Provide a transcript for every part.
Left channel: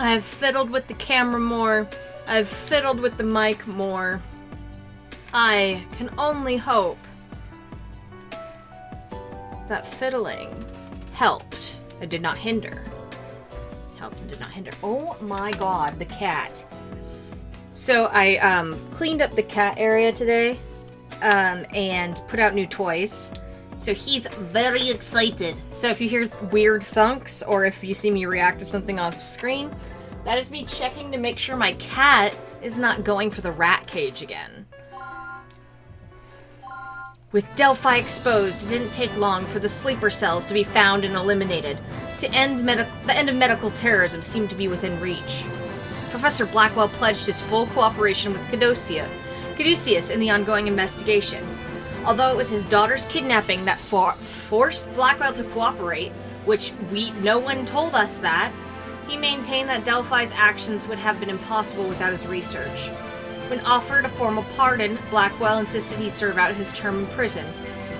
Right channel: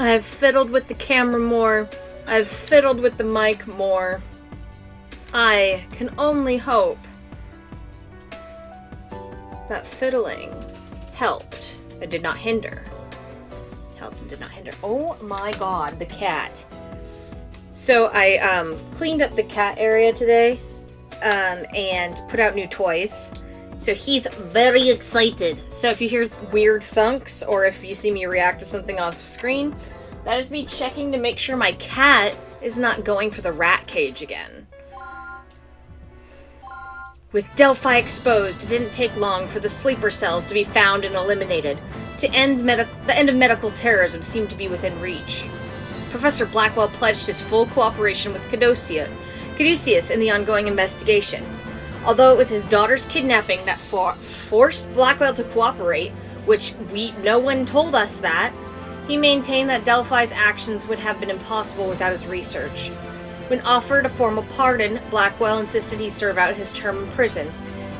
I've fiddled with the camera more. I've fiddled with the mic more. I can only hope that fiddling helped and did not hinder. Helped and did not hinder. Oh my god, the cat. So I cleaned up the cat area today and put out new toys. So he's very excited. So if you hear weird thunks or if you see me react to something off screen, that is me checking to make sure my cat is not going for the rat cage again. With Delphi exposed, it didn't take long for the sleeper cells to be found and eliminated. The end of medical terrorism seemed to be within reach. Professor Blackwell pledged his full cooperation with Caduceus in the ongoing investigation. Although it was his daughter's kidnapping that forced Blackwell to cooperate, which no one told us that, he maintained that Delphi's actions would have been impossible without his research. When offered a formal pardon, Blackwell insisted he serve out his term in prison.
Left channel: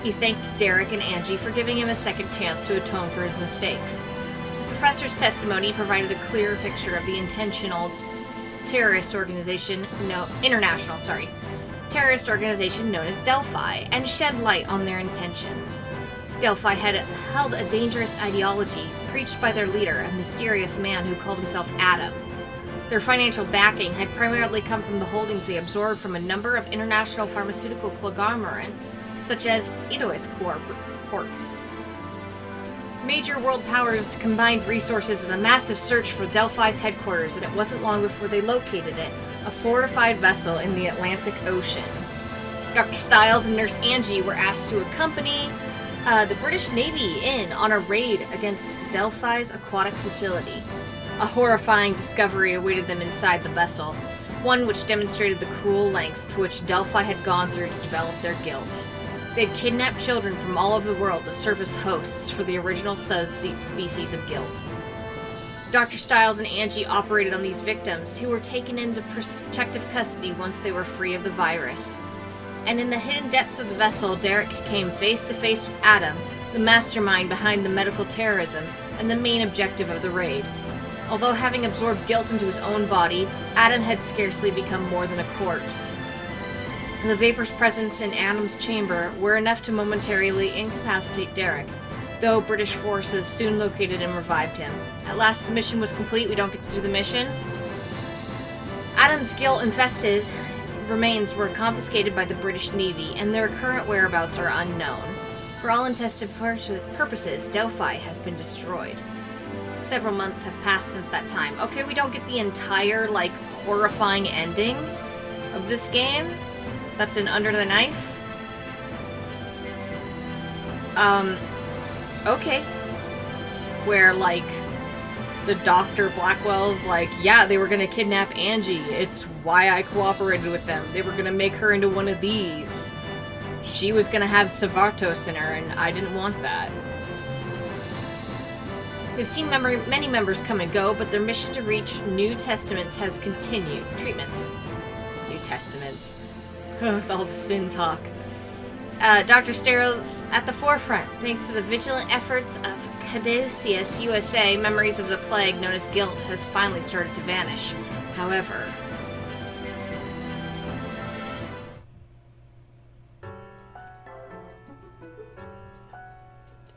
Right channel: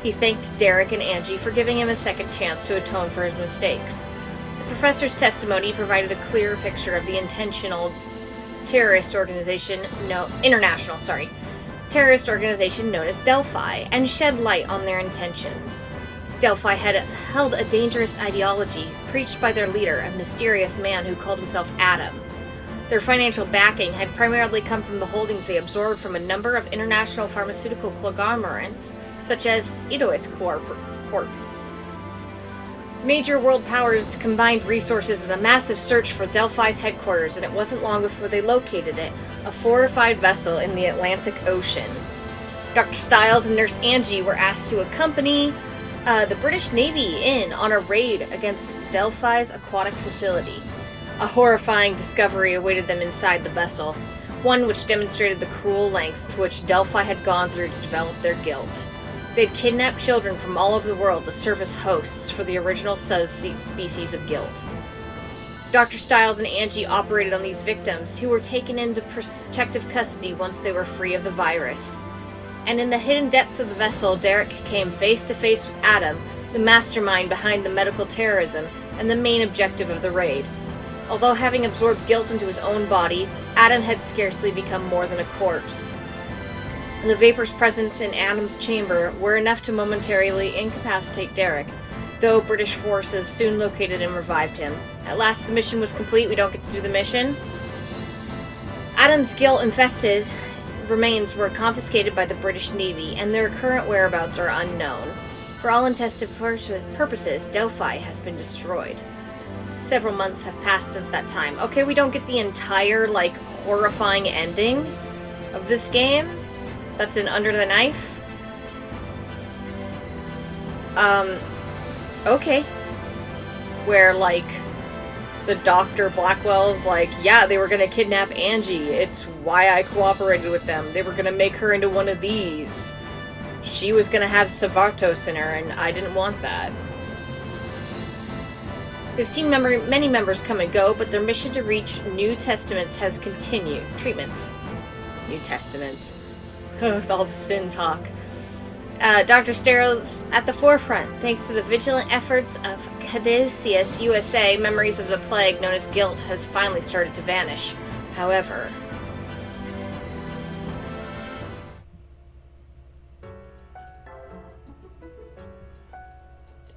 He thanked Derek and Angie for giving him a second chance to atone for his mistakes. The professor's testimony provided a clearer picture of the international terrorist organization known as Delphi, and shed light on their intentions. Delphi had held a dangerous ideology, preached by their leader, a mysterious man who called himself Adam. Their financial backing had primarily come from the holdings they absorbed from a number of international pharmaceutical conglomerates, such as Idoith Corp. Major world powers combined resources in a massive search for Delphi's headquarters, and it wasn't long before they located it, a fortified vessel in the Atlantic Ocean. Dr. Stiles and Nurse Angie were asked to accompany the British Navy in on a raid against Delphi's aquatic facility. A horrifying discovery awaited them inside the vessel, one which demonstrated the cruel lengths to which Delphi had gone through to develop their guilt. They had kidnapped children from all over the world to serve as hosts for the original species of guilt. Dr. Stiles and Angie operated on these victims, who were taken into protective custody once they were free of the virus. And in the hidden depths of the vessel, Derek came face to face with Adam, the mastermind behind the medical terrorism and the main objective of the raid. Although having absorbed guilt into his own body, Adam had scarcely become more than a corpse. The vapors present in Adam's chamber were enough to momentarily incapacitate Derek, though British forces soon located and revived him. At last the mission was complete. We don't get to do the mission. Adam's guilt-infested remains were confiscated by the British Navy, and their current whereabouts are unknown. For all intents and purposes, Delphi has been destroyed. Several months have passed since that time. Okay, we don't get the entire, horrifying ending of this game. That's in Under the Knife. Okay. Where, the Dr. Blackwell's yeah, they were gonna kidnap Angie. It's why I cooperated with them. They were gonna make her into one of these. She was gonna have Savartos in her, and I didn't want that. They've seen many members come and go, but their mission to reach New Testaments has continued. New Testaments. With all the sin talk. Dr. Steryl's at the forefront. Thanks to the vigilant efforts of Caduceus USA, memories of the plague known as guilt has finally started to vanish. However,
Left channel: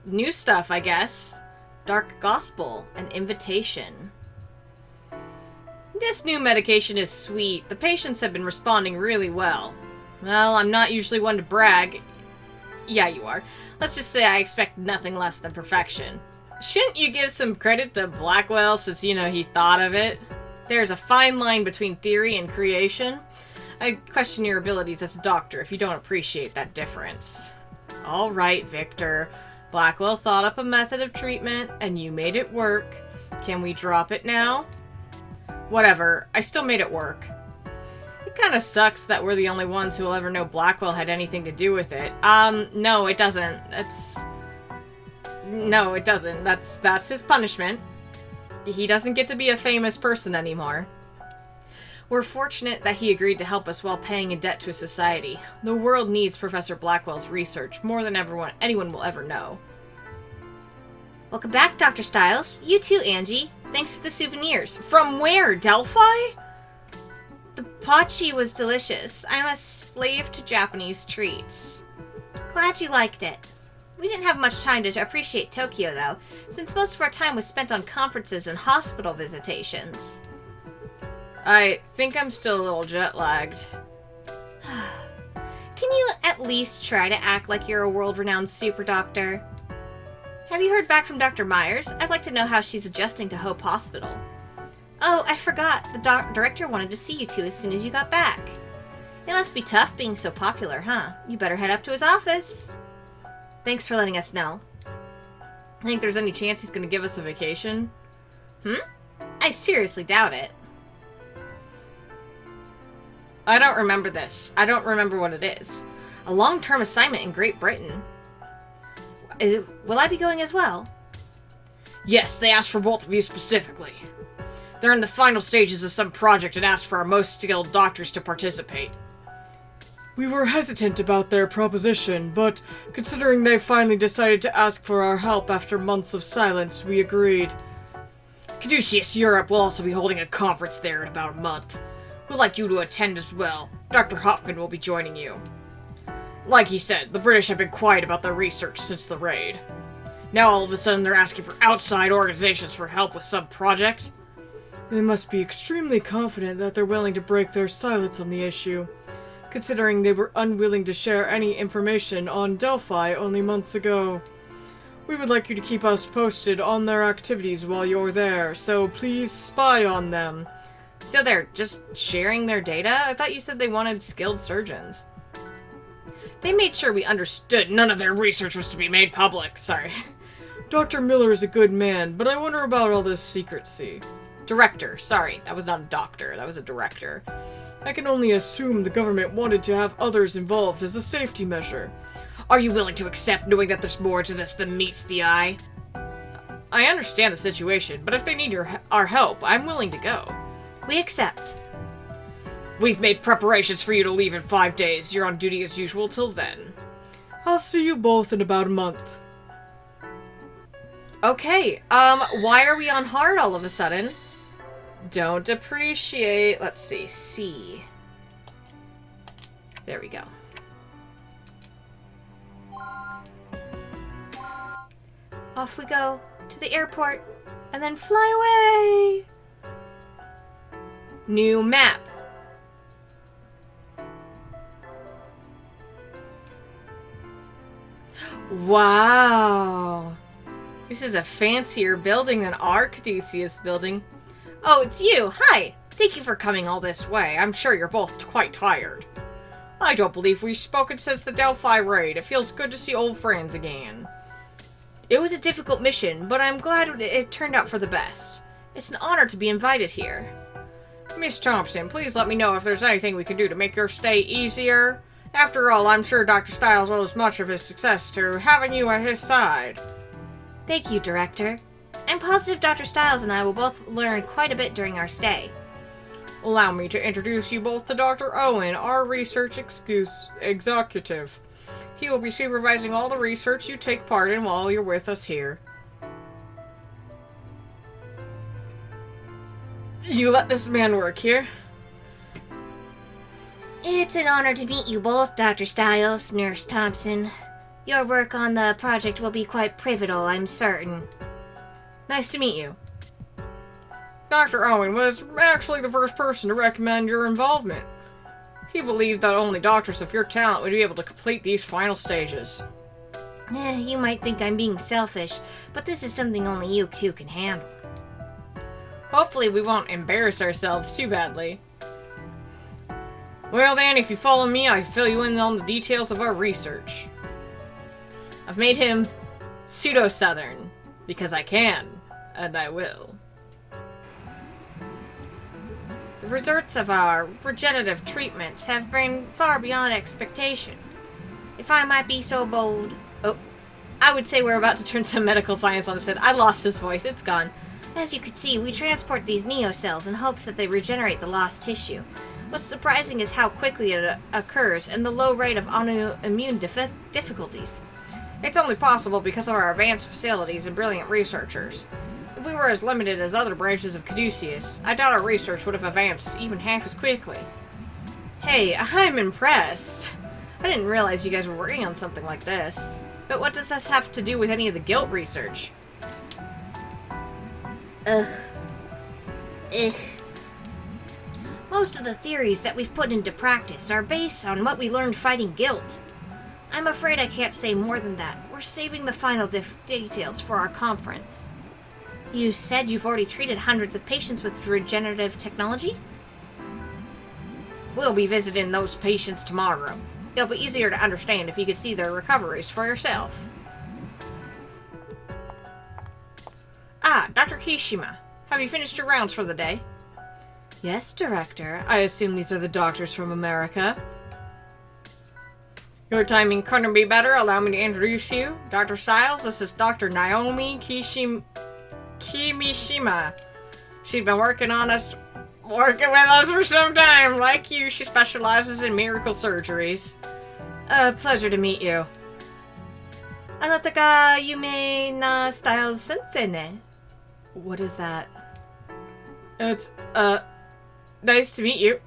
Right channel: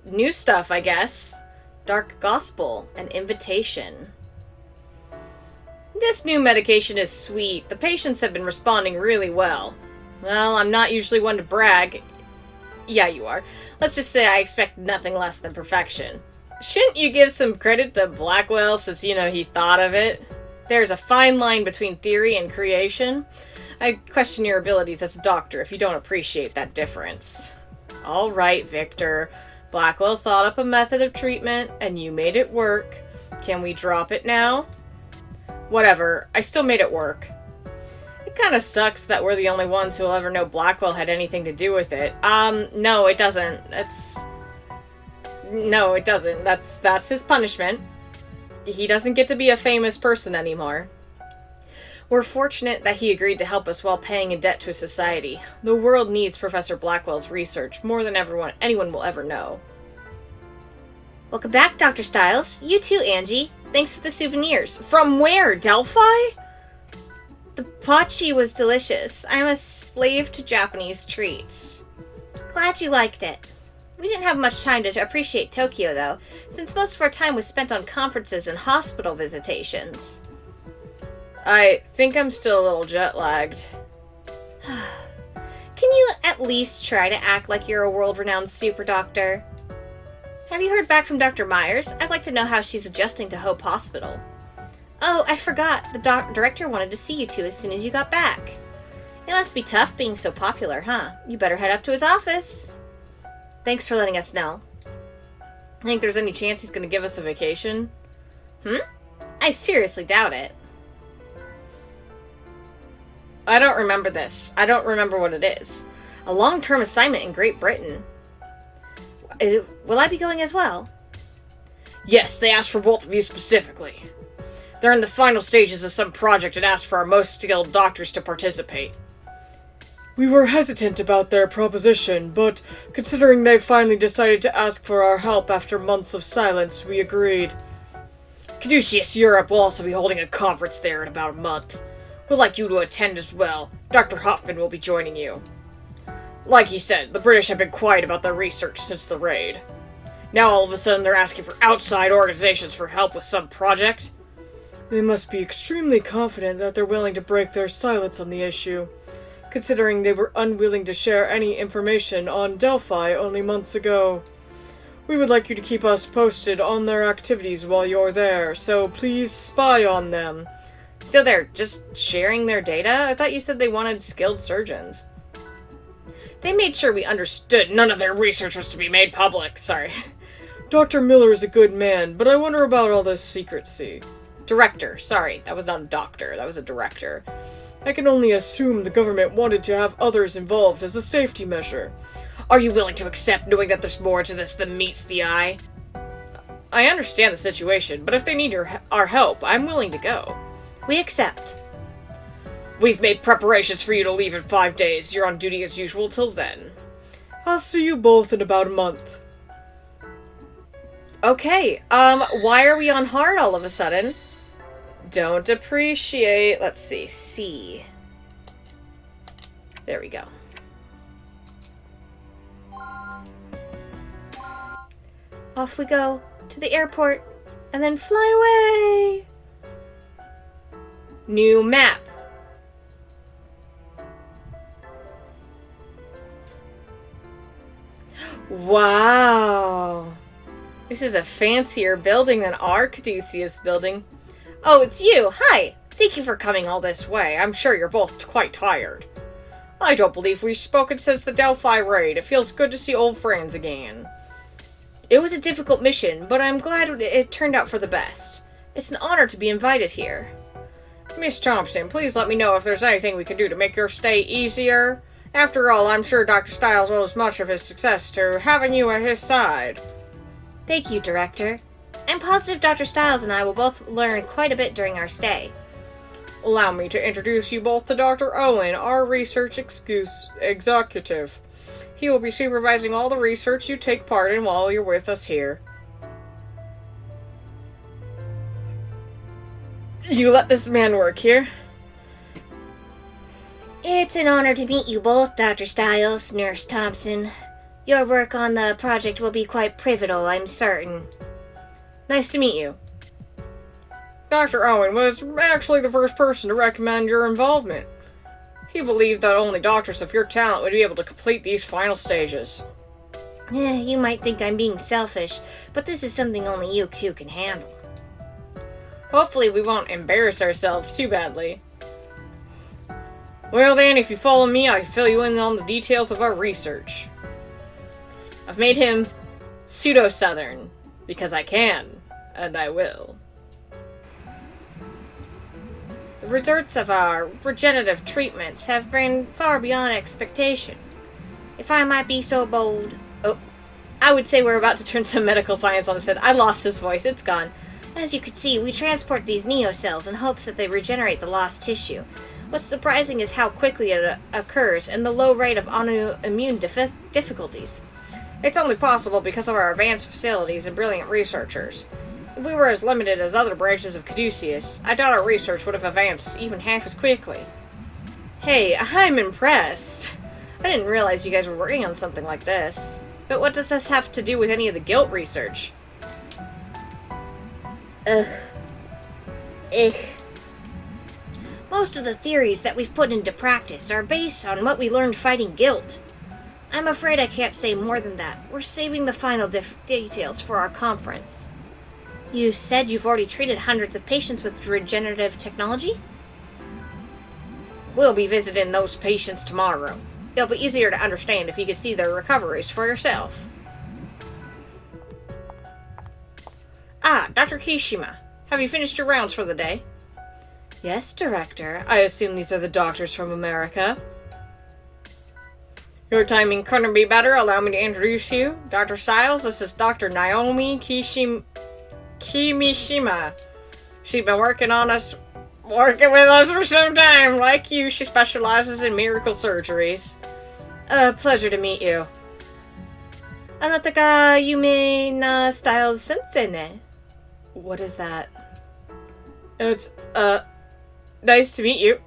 new stuff, I guess. Dark Gospel, an invitation. This new medication is sweet. The patients have been responding really well. Well, I'm not usually one to brag. Yeah, you are. Let's just say I expect nothing less than perfection. Shouldn't you give some credit to Blackwell since, he thought of it? There's a fine line between theory and creation. I question your abilities as a doctor if you don't appreciate that difference. All right, Victor. Blackwell thought up a method of treatment, and you made it work. Can we drop it now? Whatever. I still made it work. It kind of sucks that we're the only ones who will ever know Blackwell had anything to do with it. No, it doesn't. No, it doesn't. That's his punishment. He doesn't get to be a famous person anymore. We're fortunate that he agreed to help us while paying a debt to society. The world needs Professor Blackwell's research more than anyone will ever know. Welcome back, Dr. Styles. You too, Angie. Thanks for the souvenirs. From where? Delphi? The pachi was delicious. I'm a slave to Japanese treats. Glad you liked it. We didn't have much time to appreciate Tokyo, though, since most of our time was spent on conferences and hospital visitations. I think I'm still a little jet-lagged. Can you at least try to act like you're a world-renowned super doctor? Have you heard back from Dr. Myers? I'd like to know how she's adjusting to Hope Hospital. Oh, I forgot. The director wanted to see you two as soon as you got back. It must be tough being so popular, huh? You better head up to his office. Thanks for letting us know. I think there's any chance he's going to give us a vacation? I seriously doubt it. I don't remember this. I don't remember what it is. A long-term assignment in Great Britain. Will I be going as well? Yes, they asked for both of you specifically. They're in the final stages of some project and asked for our most skilled doctors to participate. We were hesitant about their proposition, but considering they finally decided to ask for our help after months of silence, we agreed. Caduceus Europe will also be holding a conference there in about a month. We'd like you to attend as well. Dr. Hoffman will be joining you. Like he said, the British have been quiet about their research since the raid. Now all of a sudden they're asking for outside organizations for help with some project. They must be extremely confident that they're willing to break their silence on the issue, considering they were unwilling to share any information on Delphi only months ago. We would like you to keep us posted on their activities while you're there, so please spy on them. So they're just sharing their data? I thought you said they wanted skilled surgeons. They made sure we understood none of their research was to be made public. Sorry. Dr. Miller is a good man, but I wonder about all this secrecy. Director. Sorry, that was not a doctor. That was a director. I can only assume the government wanted to have others involved as a safety measure. Are you willing to accept knowing that there's more to this than meets the eye? I understand the situation, but if they need our help, I'm willing to go. We accept. We've made preparations for you to leave in 5 days. You're on duty as usual till then. I'll see you both in about a month. Okay, why are we on hard all of a sudden? Don't appreciate... Let's see. C. There we go. Off we go to the airport and then fly away. New map. Wow. This is a fancier building than our Caduceus building. Oh, it's you. Hi. Thank you for coming all this way. I'm sure you're both quite tired. I don't believe we've spoken since the Delphi raid. It feels good to see old friends again. It was a difficult mission, but I'm glad it turned out for the best. It's an honor to be invited here. Miss Thompson, please let me know if there's anything we can do to make your stay easier. After all, I'm sure Dr. Styles owes much of his success to having you at his side. Thank you, Director. I'm positive Dr. Styles and I will both learn quite a bit during our stay. Allow me to introduce you both to Dr. Owen, our research executive. He will be supervising all the research you take part in while you're with us here. You let this man work here? It's an honor to meet you both, Dr. Styles, Nurse Thompson. Your work on the project will be quite pivotal, I'm certain. Nice to meet you. Dr. Owen was actually the first person to recommend your involvement. He believed that only doctors of your talent would be able to complete these final stages. You might think I'm being selfish, but this is something only you two can handle. Hopefully we won't embarrass ourselves too badly. Well then, if you follow me, I can fill you in on the details of our research. I've made him pseudo-Southern, because I can, and I will. The results of our regenerative treatments have been far beyond expectation. If I might be so bold... Oh, I would say we're about to turn to medical science on his head. I lost his voice, it's gone. As you can see, we transport these neocells in hopes that they regenerate the lost tissue. What's surprising is how quickly it occurs and the low rate of autoimmune difficulties. It's only possible because of our advanced facilities and brilliant researchers. If we were as limited as other branches of Caduceus, I doubt our research would have advanced even half as quickly. Hey, I'm impressed. I didn't realize you guys were working on something like this. But what does this have to do with any of the guilt research? Ugh. Most of the theories that we've put into practice are based on what we learned fighting guilt. I'm afraid I can't say more than that. We're saving the final details for our conference. You said you've already treated hundreds of patients with regenerative technology? We'll be visiting those patients tomorrow. It'll be easier to understand if you could see their recoveries for yourself. Ah, Dr. Kishima. Have you finished your rounds for the day? Yes, Director. I assume these are the doctors from America. Your timing couldn't be better. Allow me to introduce you. Dr. Stiles, this is Dr. Naomi Kimishima. She's been working with us for some time. Like you, she specializes in miracle surgeries. Pleasure to meet you. あなたが有名な Stiles 先生ね. What is that? It's, nice to meet you.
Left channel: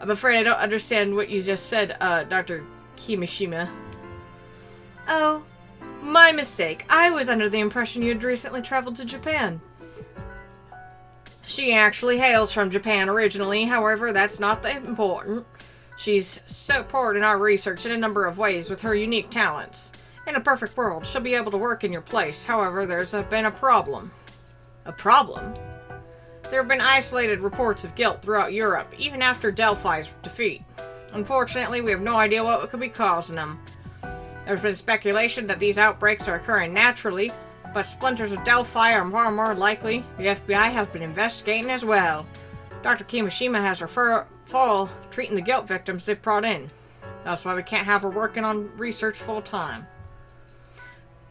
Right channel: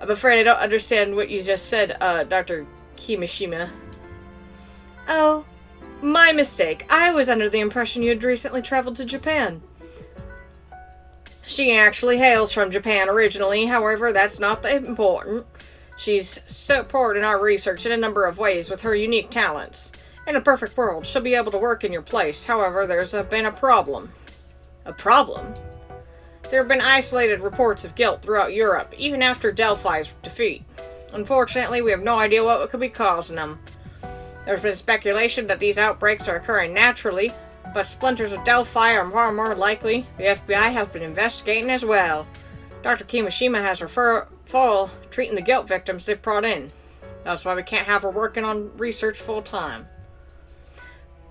I'm afraid I don't understand what you just said, Dr. Kimishima. Oh, my mistake. I was under the impression you had recently traveled to Japan. She actually hails from Japan originally, however, that's not that important. She's supporting our research in a number of ways with her unique talents. In a perfect world, she'll be able to work in your place. However, there's been a problem. A problem? There have been isolated reports of guilt throughout Europe, even after Delphi's defeat. Unfortunately, we have no idea what could be causing them. There's been speculation that these outbreaks are occurring naturally, but splinters of Delphi are far more likely. The FBI has been investigating as well. Dr. Kimishima has her full treating the guilt victims they've brought in. That's why we can't have her working on research full time.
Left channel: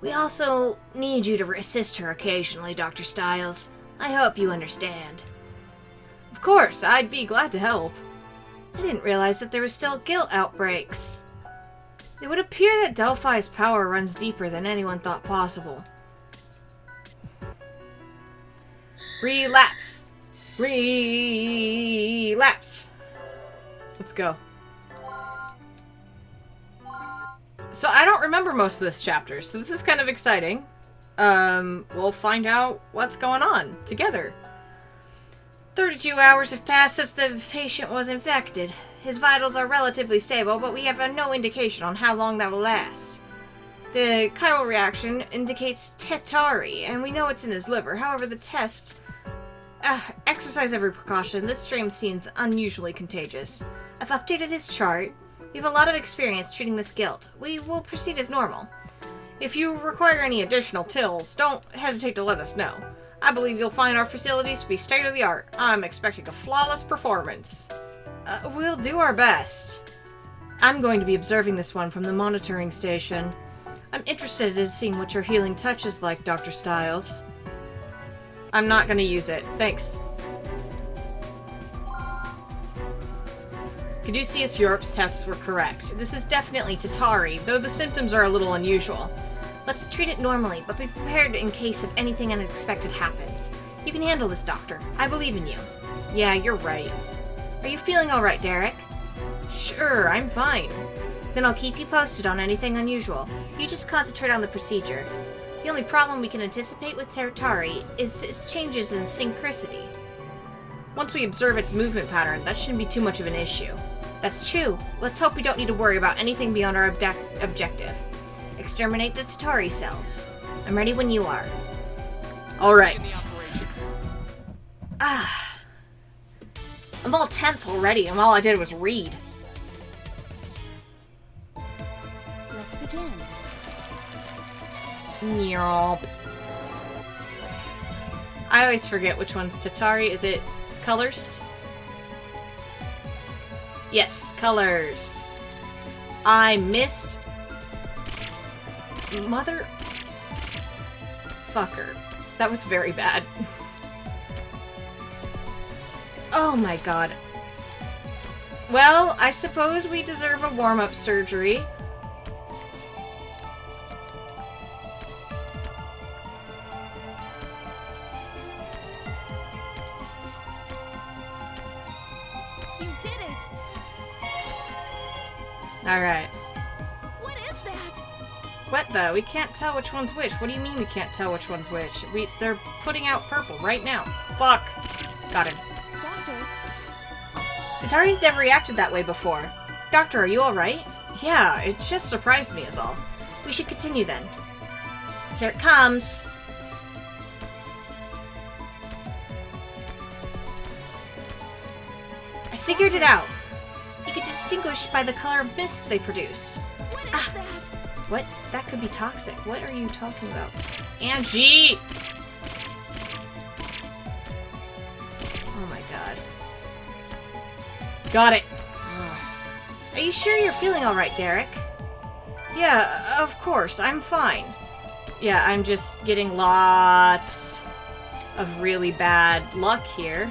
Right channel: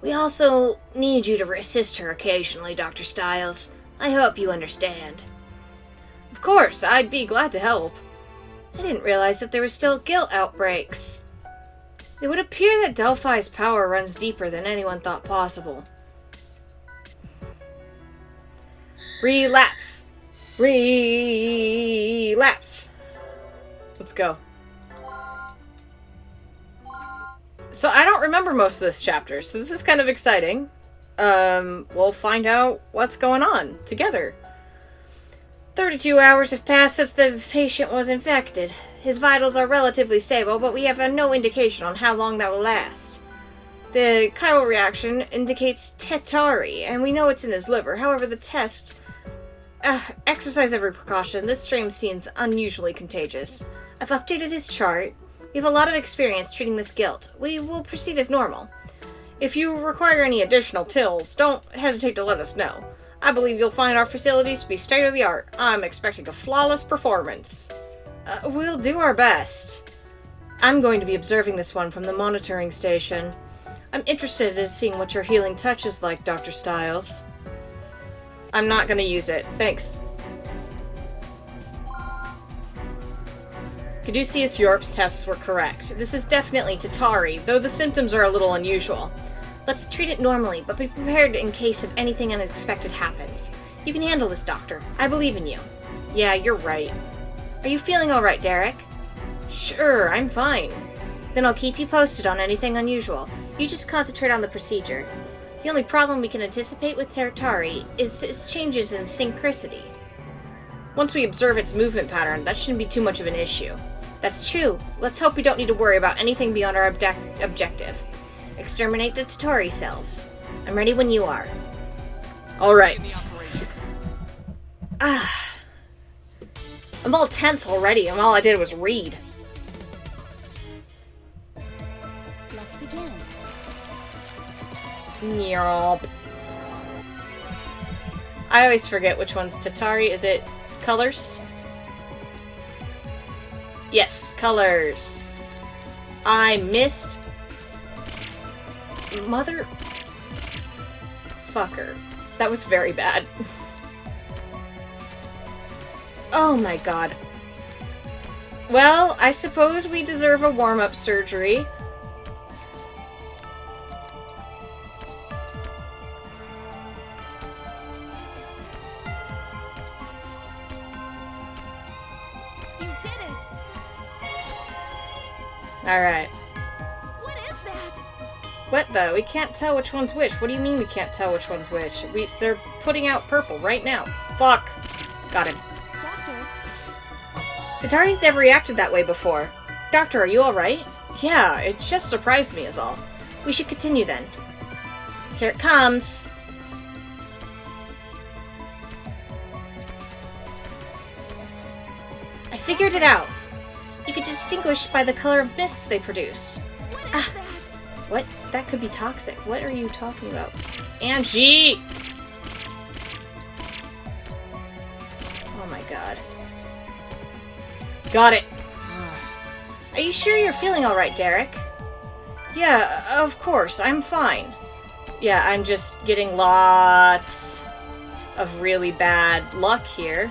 We also need you to assist her occasionally, Dr. Stiles. I hope you understand. Of course, I'd be glad to help. I didn't realize that there were still guilt outbreaks. It would appear that Delphi's power runs deeper than anyone thought possible. Relapse. Relapse. Let's go. So I don't remember most of this chapter, so this is kind of exciting. We'll find out what's going on together. 32 hours have passed since the patient was infected. His vitals are relatively stable, but we have no indication on how long that will last. The chiral reaction indicates tetari, and we know it's in his liver. However, the test... exercise every precaution. This strain seems unusually contagious. I've updated his chart. We have a lot of experience treating this guilt. We will proceed as normal. If you require any additional tills, don't hesitate to let us know. I believe you'll find our facilities to be state-of-the-art. I'm expecting a flawless performance. We'll do our best. I'm going to be observing this one from the monitoring station. I'm interested in seeing what your healing touch is like, Dr. Stiles. I'm not going to use it. Thanks. Caduceus Europe's tests were correct. This is definitely Tatari, though the symptoms are a little unusual. Let's treat it normally, but be prepared in case of anything unexpected happens. You can handle this, Doctor. I believe in you. Yeah, you're right. Are you feeling alright, Derek? Sure, I'm fine. Then I'll keep you posted on anything unusual. You just concentrate on the procedure. The only problem we can anticipate with Tatari is its changes in synchronicity. Once we observe its movement pattern, that shouldn't be too much of an issue. That's true. Let's hope we don't need to worry about anything beyond our objective. Exterminate the Tatari cells. I'm ready when you are. Alright. I'm all tense already, and all I did was read. Let's begin. Yep. I always forget which one's Tatari. Is it colors? Yes, colors. I missed. Mother. Fucker. That was very bad. Oh my god. Well, I suppose we deserve a warm-up surgery. Alright. What is that? What the? We can't tell which one's which. What do you mean we can't tell which one's which? They're putting out purple right now. Fuck. Got him. Doctor, Atari's never reacted that way before. Doctor, are you alright? Yeah, it just surprised me is all. We should continue then. Here it comes. I figured it out. You could distinguish by the color of mists they produced. what is that? What? That could be toxic. What are you talking about? Angie! Oh my god. Got it. Are you sure you're feeling alright, Derek? Yeah, of course. I'm fine. Yeah, I'm just getting lots of really bad luck here.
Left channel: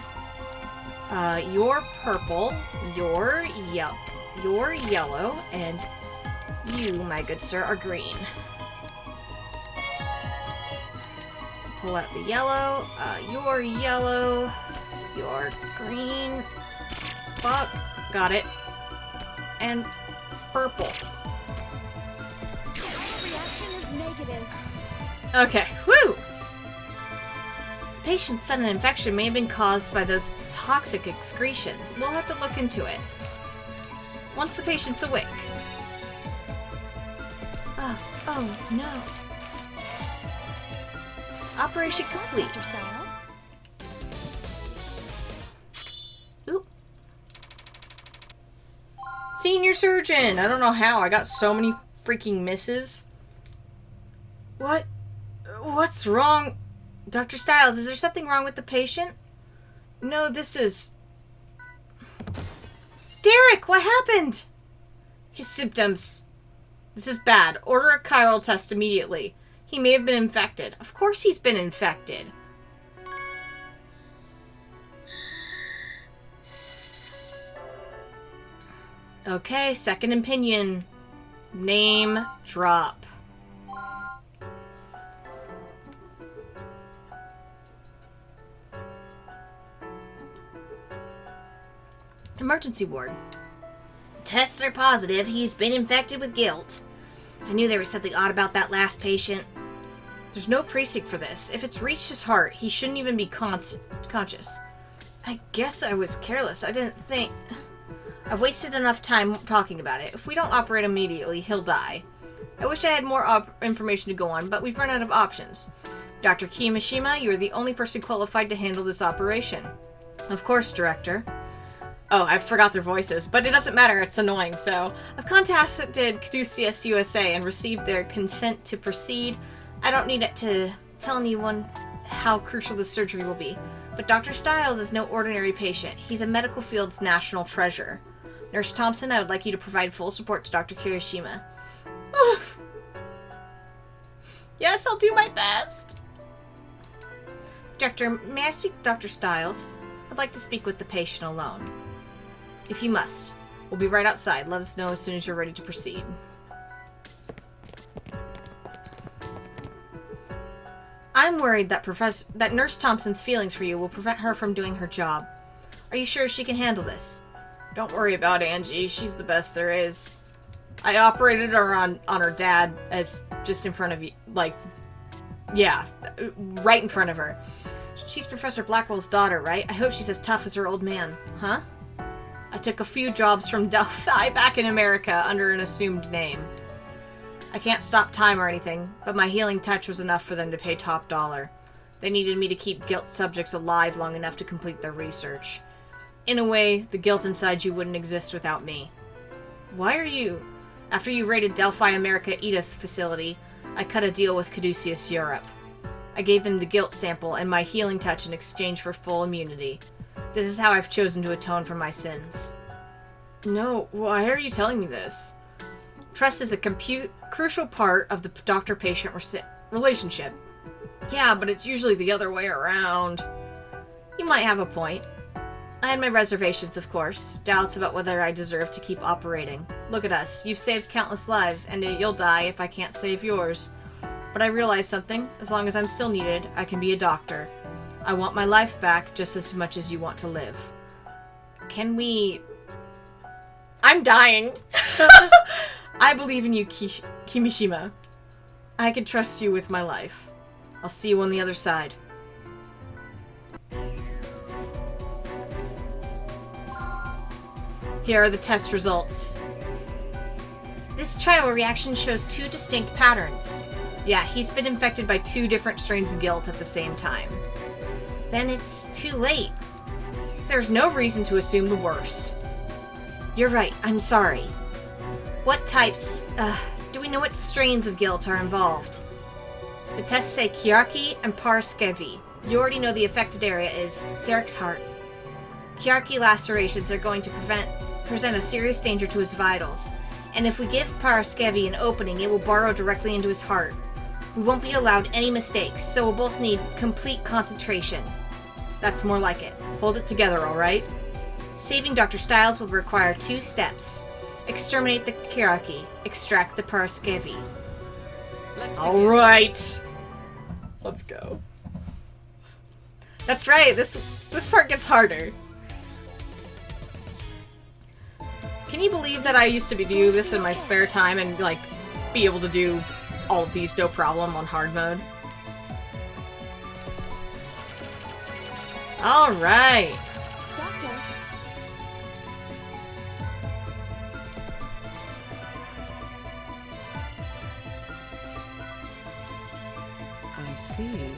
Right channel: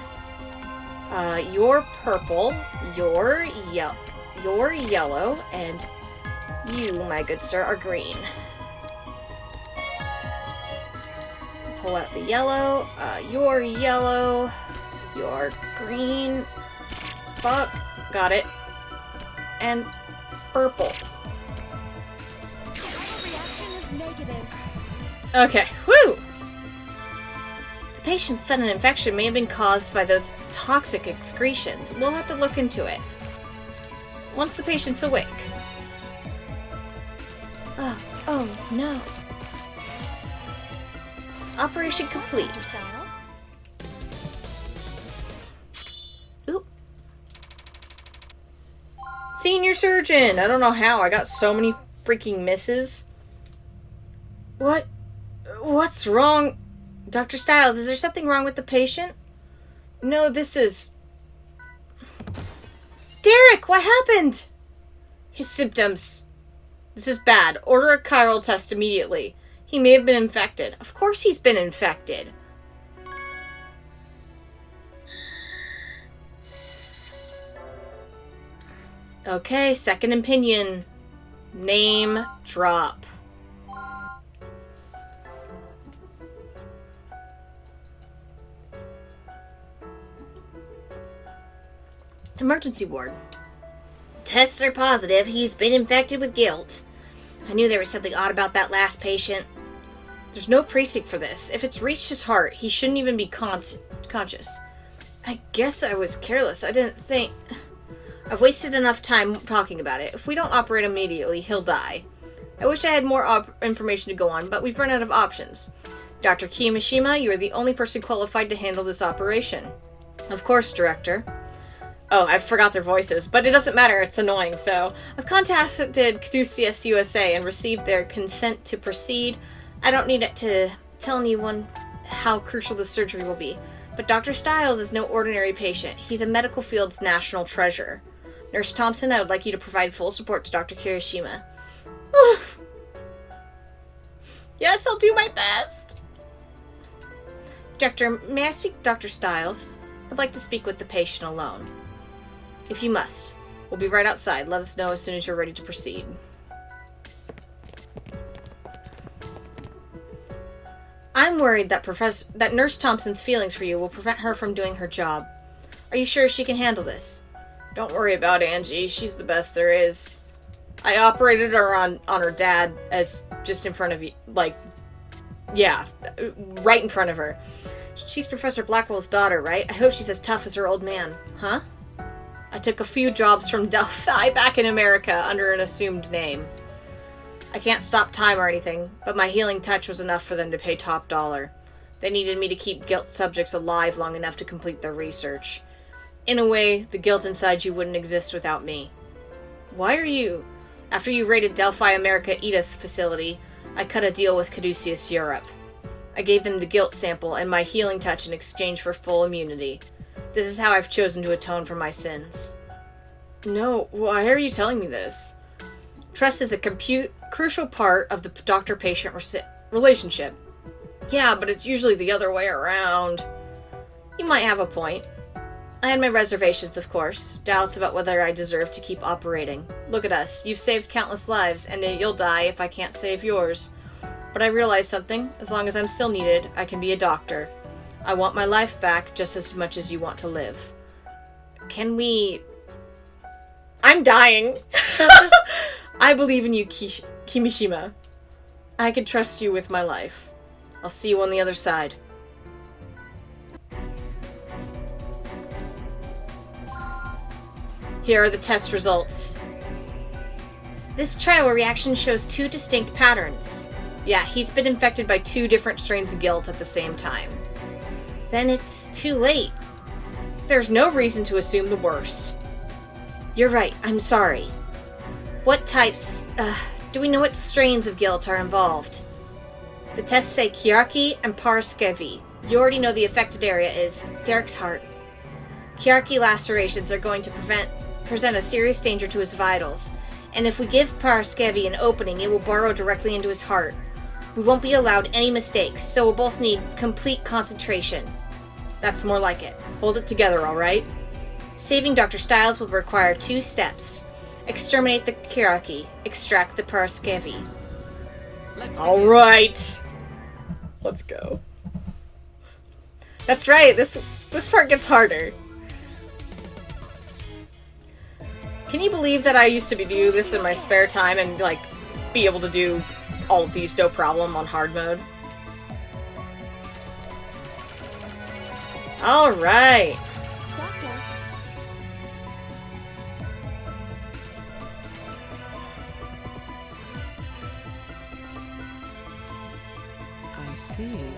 You're purple, you're yellow, and you, my good sir, are green. Pull out the yellow. You're yellow. You're green. Fuck. Got it. And purple. Reaction is negative. Okay. Woo! The patient's sudden infection may have been caused by those toxic excretions. We'll have to look into it. Once the patient's awake. Oh no. Operation Nice work, complete. Dr. Styles. Oop. Senior surgeon! I don't know how. I got so many freaking misses. What's wrong? Dr. Styles, is there something wrong with the patient? No, this is... Derek, what happened? His symptoms. This is bad. Order a chiral test immediately. He may have been infected. Of course he's been infected. Okay, second opinion. Name drop. Emergency ward. Tests are positive. He's been infected with guilt. I knew there was something odd about that last patient. There's no precinct for this. If it's reached his heart, he shouldn't even be conscious. I guess I was careless. I didn't think... I've wasted enough time talking about it. If we don't operate immediately, he'll die. I wish I had more information to go on, but we've run out of options. Dr. Kiyomishima, you are the only person qualified to handle this operation. Of course, Director. Oh, I forgot their voices, but it doesn't matter, it's annoying, so... I've contacted Caduceus USA and received their consent to proceed. I don't need it to tell anyone how crucial this surgery will be. But Dr. Styles is no ordinary patient. He's a medical field's national treasure. Nurse Thompson, I would like you to provide full support to Dr. Kirishima. Yes, I'll do my best. Doctor, may I speak to Dr. Styles? I'd like to speak with the patient alone. If you must. We'll be right outside. Let us know as soon as you're ready to proceed. I'm worried that Nurse Thompson's feelings for you will prevent her from doing her job. Are you sure she can handle this? Don't worry about Angie. She's the best there is. I operated her on her dad as just in front of you. Like, yeah, right in front of her. She's Professor Blackwell's daughter, right? I hope she's as tough as her old man. Huh? I took a few jobs from Delphi back in America under an assumed name. I can't stop time or anything, but my healing touch was enough for them to pay top dollar. They needed me to keep guilt subjects alive long enough to complete their research. In a way, the guilt inside you wouldn't exist without me. Why are you... After you raided Delphi America Edith facility, I cut a deal with Caduceus Europe. I gave them the guilt sample and my healing touch in exchange for full immunity. This is how I've chosen to atone for my sins. No, why are you telling me this? Trust is a crucial part of the doctor-patient relationship. Yeah, but it's usually the other way around. You might have a point. I had my reservations, of course. Doubts about whether I deserve to keep operating. Look at us. You've saved countless lives, and you'll die if I can't save yours. But I realized something. As long as I'm still needed, I can be a doctor. I want my life back just as much as you want to live. Can we... I'm dying. I believe in you, Kimishima. I can trust you with my life. I'll see you on the other side. Here are the test results. This trial reaction shows 2 distinct patterns. Yeah, he's been infected by 2 different strains of guilt at the same time. Then it's too late. There's no reason to assume the worst. You're right, I'm sorry. What types, do we know what strains of guilt are involved? The tests say Kiarki and Paraskevi. You already know the affected area is Derek's heart. Kiarki lacerations are going to present a serious danger to his vitals, and if we give Paraskevi an opening, it will burrow directly into his heart. We won't be allowed any mistakes, so we'll both need complete concentration. That's more like it. Hold it together, alright? Saving Dr. Stiles will require 2 steps. Exterminate the Kiarki, extract the Paraskevi. Alright! Let's go. That's right, this part gets harder. Can you believe that I used to do this in my spare time and, like, be able to do all of these no problem on hard mode? Alright. Doctor. I see.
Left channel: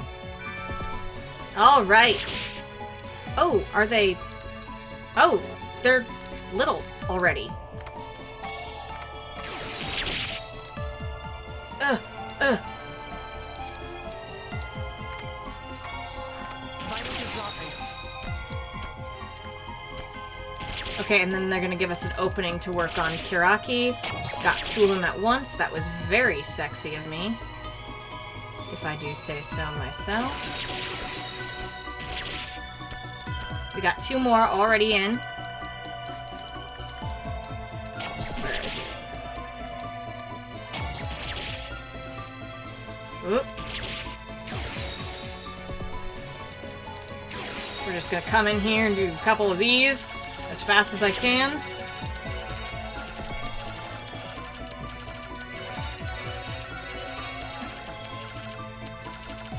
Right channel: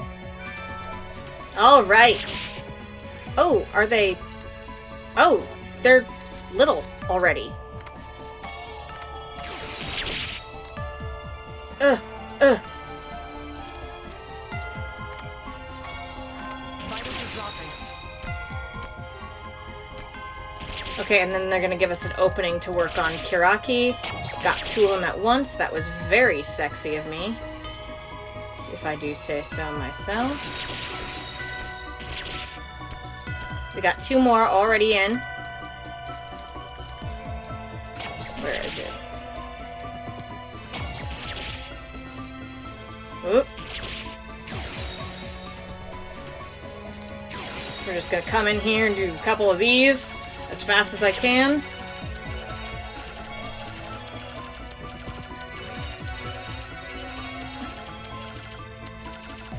Alright. Oh, are they... Oh, they're little already. Vitals are dropping. Okay, and then they're gonna give us an opening to work on Kiraki. Got 2 of them at once. That was very sexy of me, if I do say so myself. We got 2 more already in. Where is it? Oop. We're just gonna come in here and do a couple of these as fast as I can.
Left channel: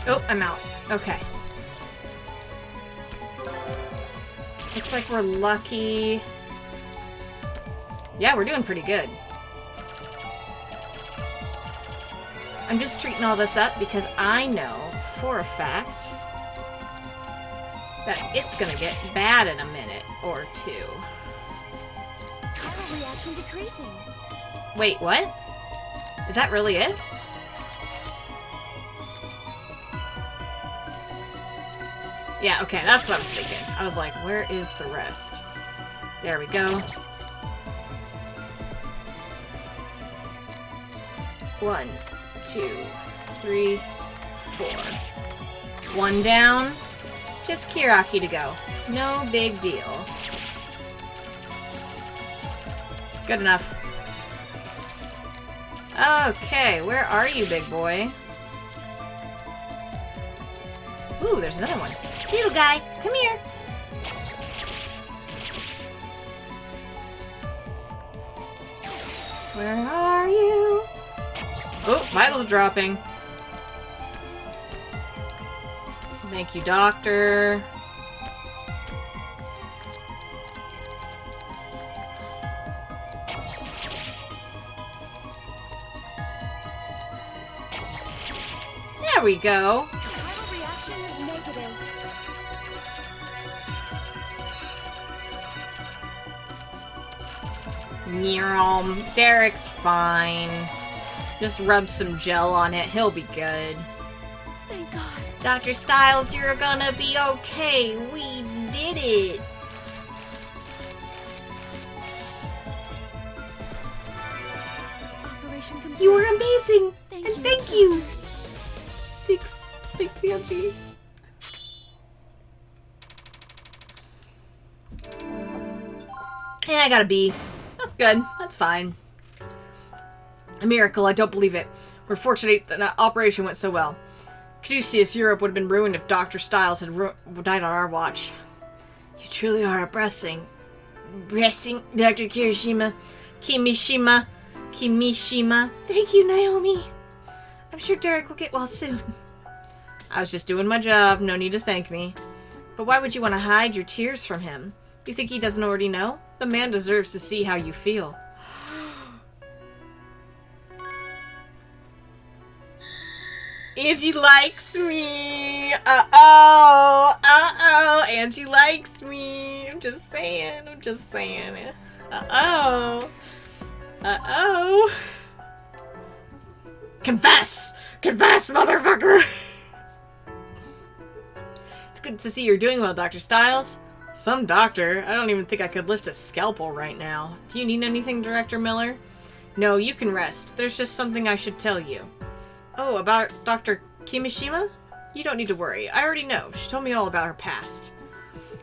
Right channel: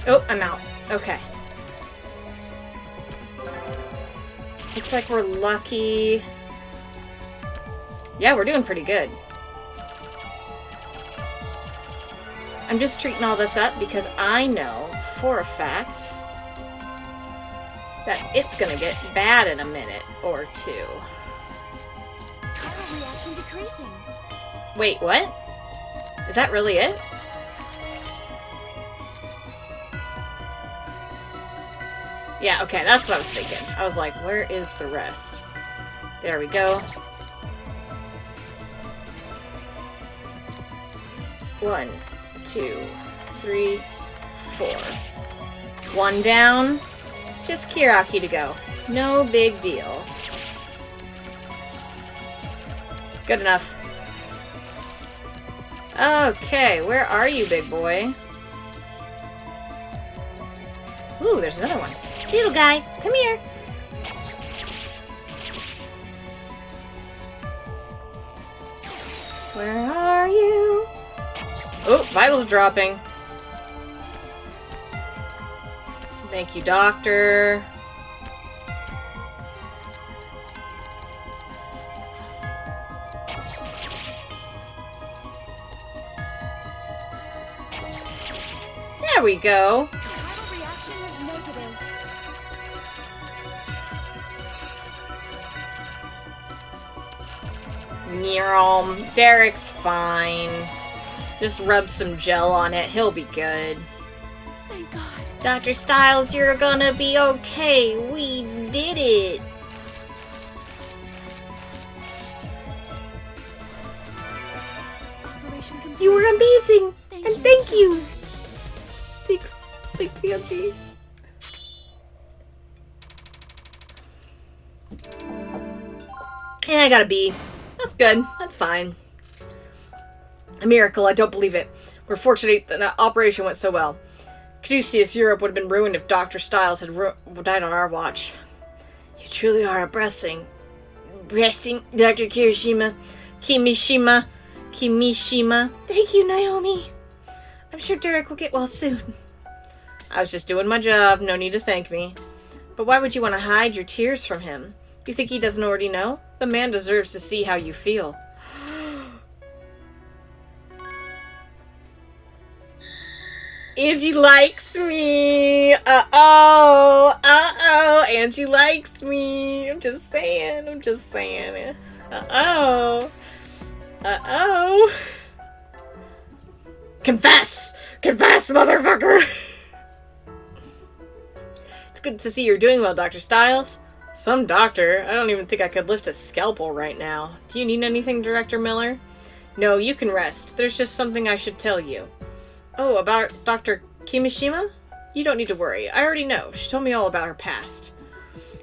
Oh, I'm out. Okay. Looks like we're lucky. Yeah, we're doing pretty good. I'm just treating all this up because I know for a fact that it's gonna get bad in a minute or 2. Vital reaction decreasing. Wait, what? Is that really it? Yeah, okay, that's what I was thinking. I was like, where is the rest? There we go. 1, 2, 3, 4. 1 down. Just Kiraki to go. No big deal. Good enough. Okay, where are you, big boy? Ooh, there's another one. Little guy, come here. Where are you? Oh, vitals dropping. Thank you, doctor. There we go. Vital reaction is negative. Derek's fine. Just rub some gel on it. He'll be good. Thank God. Dr. Stiles, you're gonna be okay. We did it. Operation complete. You were amazing. Thank and you. thank you. Thanks, Auntie. And I got a B. That's good. That's fine. A miracle. I don't believe it. We're fortunate that the operation went so well. Caduceus Europe would have been ruined if Dr. Stiles had died on our watch. You truly are a blessing. blessing, Dr. Kimishima. Thank you, Naomi. I'm sure Derek will get well soon. I was just doing my job. No need to thank me. But why would you want to hide your tears from him? You think he doesn't already know? The man deserves to see how you feel. Angie likes me. Uh-oh. Angie likes me. I'm just saying. Uh-oh. Confess, motherfucker. It's good to see you're doing well, Dr. Stiles. Some doctor. I don't even think I could lift a scalpel right now. Do you need anything, Director Miller? No, you can rest. There's just something I should tell you. Oh, about Dr. Kimishima? You don't need to worry. I already know. She told me all about her past.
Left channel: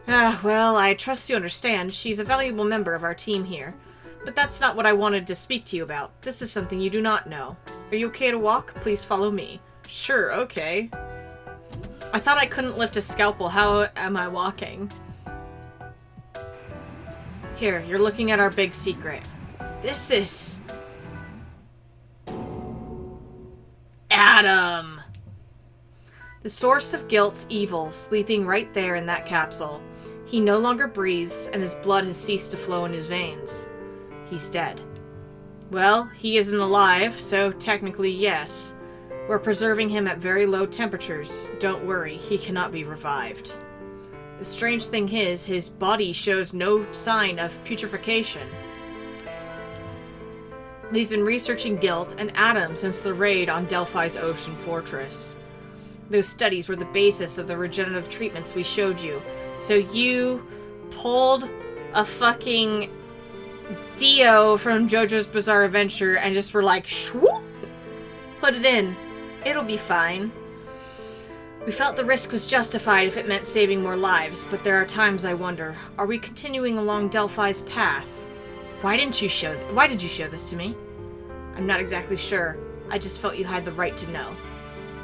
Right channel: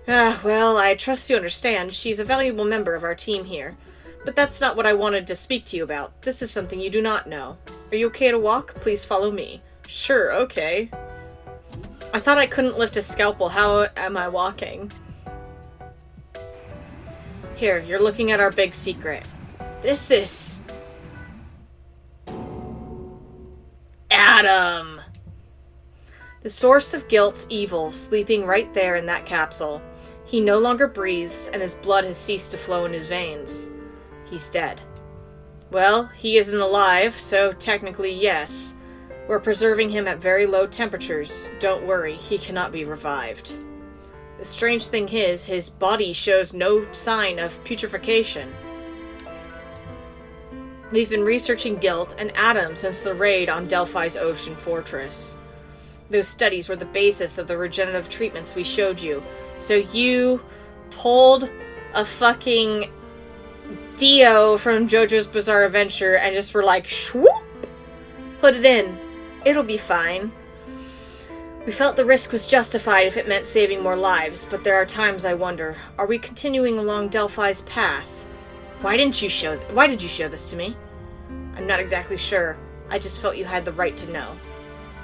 Well, I trust you understand. She's a valuable member of our team here. But that's not what I wanted to speak to you about. This is something you do not know. Are you okay to walk? Please follow me. Sure, okay. I thought I couldn't lift a scalpel. How am I walking? Here, you're looking at our big secret. This is... Adam! The source of guilt's evil, sleeping right there in that capsule. He no longer breathes, and his blood has ceased to flow in his veins. He's dead. Well, he isn't alive, so technically yes. We're preserving him at very low temperatures. Don't worry, he cannot be revived. The strange thing is, his body shows no sign of putrefaction. We've been researching guilt and Adam since the raid on Delphi's ocean fortress. Those studies were the basis of the regenerative treatments we showed you. So you pulled a fucking Dio from JoJo's Bizarre Adventure and just were like, swoop! Put it in. It'll be fine. We felt the risk was justified if it meant saving more lives, but there are times I wonder, are we continuing along Delphi's path? Why did you show this to me? I'm not exactly sure. I just felt you had the right to know.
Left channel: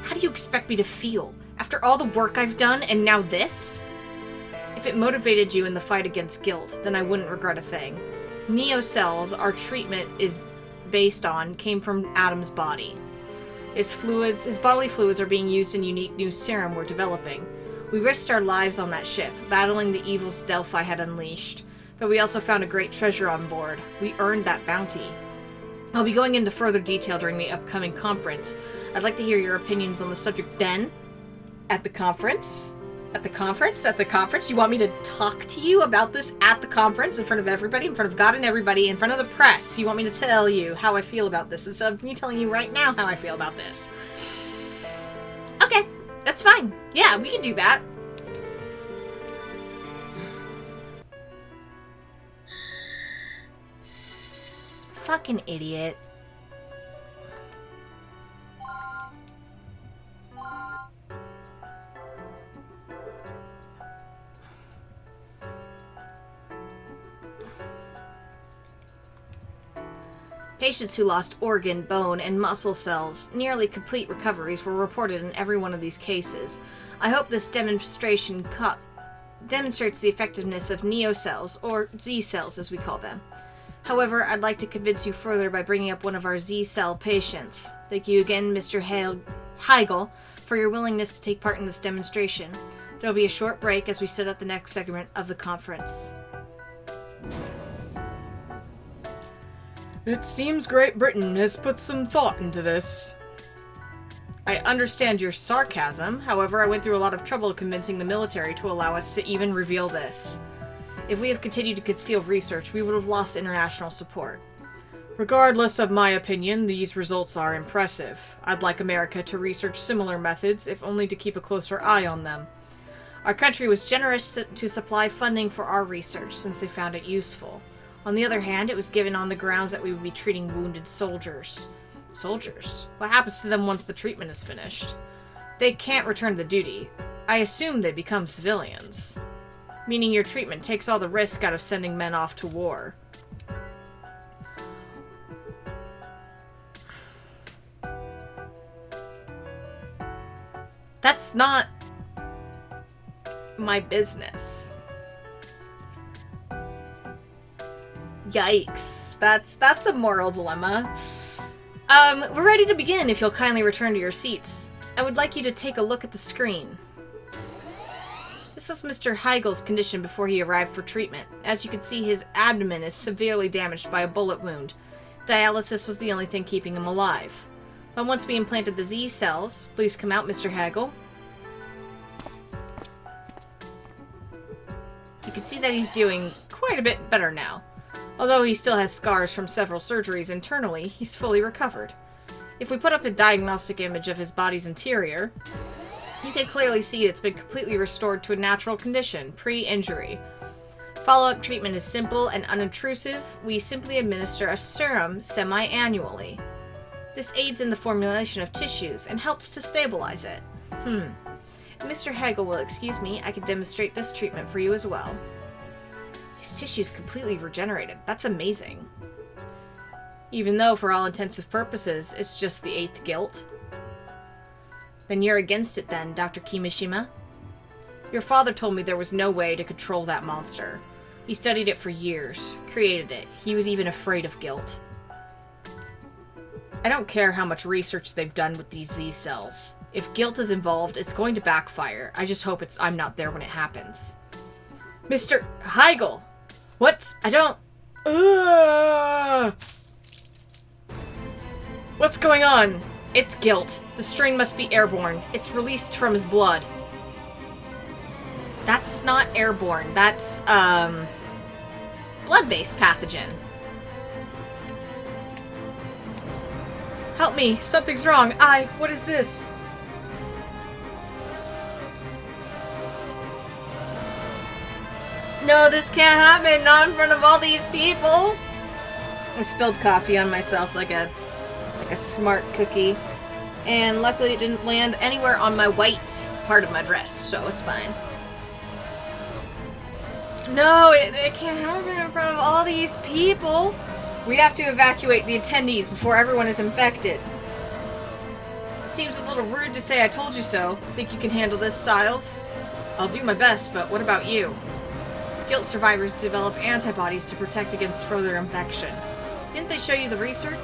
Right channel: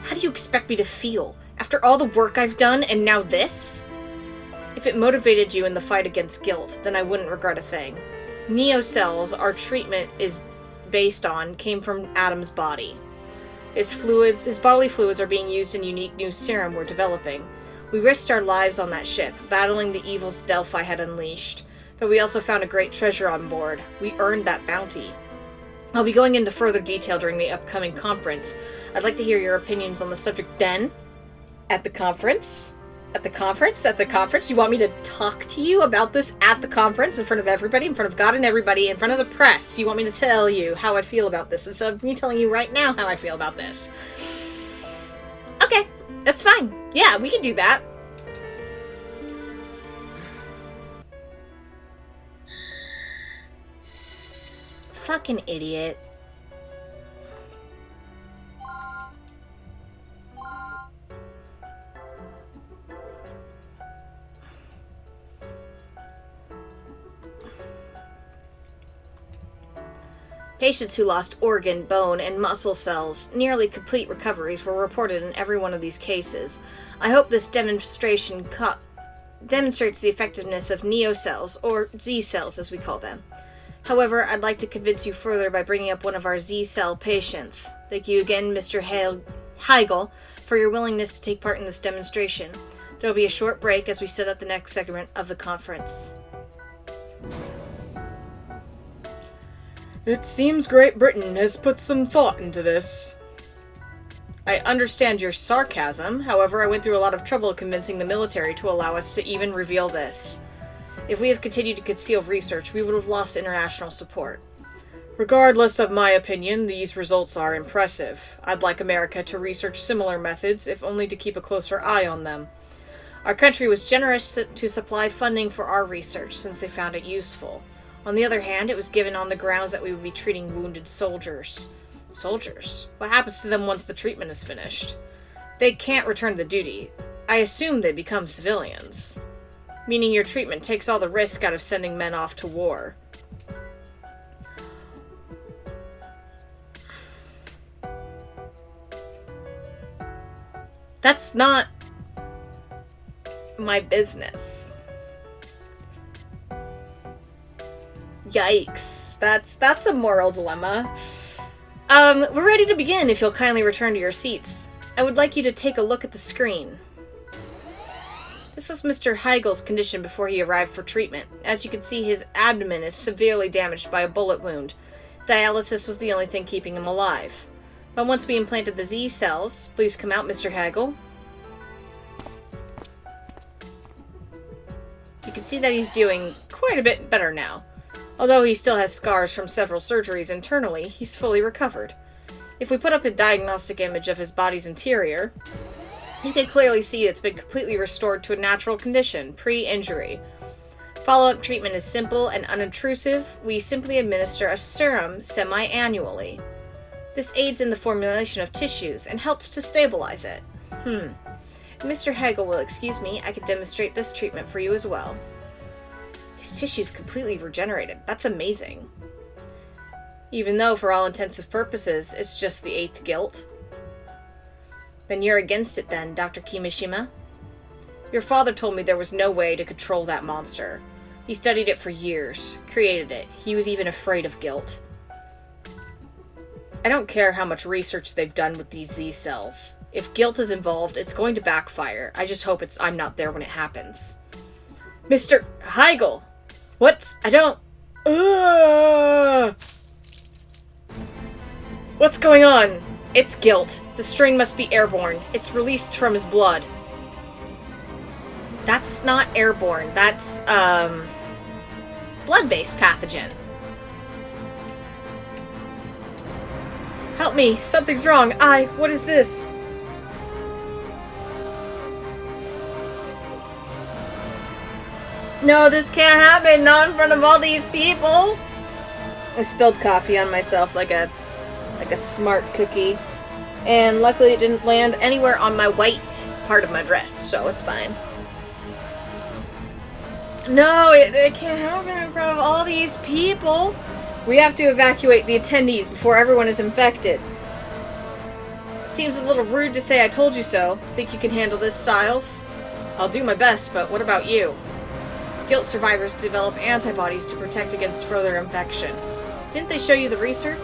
How do you expect me to feel? After all the work I've done, and now this? If it motivated you in the fight against guilt, then I wouldn't regret a thing. Neo cells our treatment is based on came from Adam's body. His bodily fluids are being used in unique new serum we're developing. We risked our lives on that ship, battling the evils Delphi had unleashed. But we also found a great treasure on board. We earned that bounty. I'll be going into further detail during the upcoming conference. I'd like to hear your opinions on the subject then. At the conference? At the conference? You want me to talk to you about this at the conference in front of everybody, in front of God and everybody, in front of the press? You want me to tell you how I feel about this instead of me telling you right now how I feel about this? Okay, that's fine. Yeah, we can do that. Fucking idiot. Patients who lost organ, bone, and muscle cells, nearly complete recoveries were reported in every one of these cases. I hope this demonstration demonstrates the effectiveness of Neo cells, or Z cells as we call them. However, I'd like to convince you further by bringing up one of our Z-cell patients. Thank you again, Mr. Heigl, for your willingness to take part in this demonstration. There will be a short break as we set up the next segment of the conference. It seems Great Britain has put some thought into this. I understand your sarcasm, however, I went through a lot of trouble convincing the military to allow us to even reveal this. If we have continued to conceal research, we would have lost international support. Regardless of my opinion, these results are impressive. I'd like America to research similar methods, if only to keep a closer eye on them. Our country was generous to supply funding for our research, since they found it useful. On the other hand, it was given on the grounds that we would be treating wounded soldiers. Soldiers? What happens to them once the treatment is finished? They can't return to duty. I assume they become civilians. Meaning your treatment takes all the risk out of sending men off to war. That's not my business. Yikes. That's a moral dilemma. We're ready to begin if you'll kindly return to your seats. I would like you to take a look at the screen. This is Mr. Heigel's condition before he arrived for treatment. As you can see, his abdomen is severely damaged by a bullet wound. Dialysis was the only thing keeping him alive. But once we implanted the Z cells, please come out, Mr. Heigel. You can see that he's doing quite a bit better now. Although he still has scars from several surgeries internally, he's fully recovered. If we put up a diagnostic image of his body's interior, you can clearly see it's been completely restored to a natural condition, pre-injury. Follow-up treatment is simple and unobtrusive. We simply administer a serum semi-annually. This aids in the formulation of tissues and helps to stabilize it. Mr. Heigel will excuse me, I could demonstrate this treatment for you as well. His tissue's completely regenerated. That's amazing. Even though, for all intensive purposes, it's just the 8th guilt. Then you're against it then, Dr. Kimishima? Your father told me there was no way to control that monster. He studied it for years, created it. He was even afraid of guilt. I don't care how much research they've done with these Z cells. If guilt is involved, it's going to backfire. I just hope I'm not there when it happens. Mr. Heigel! I don't... What's going on? It's guilt. The strain must be airborne. It's released from his blood. That's not airborne. That's, blood-based pathogen. Help me. Something's wrong. What is this? No, this can't happen. Not in front of all these people. I spilled coffee on myself like a smart cookie. And luckily it didn't land anywhere on my white part of my dress, so it's fine. No, it can't happen in front of all these people. We have to evacuate the attendees before everyone is infected. Seems a little rude to say I told you so. Think you can handle this, Styles? I'll do my best, but what about you? Guilt survivors develop antibodies to protect against further infection. Didn't they show you the research?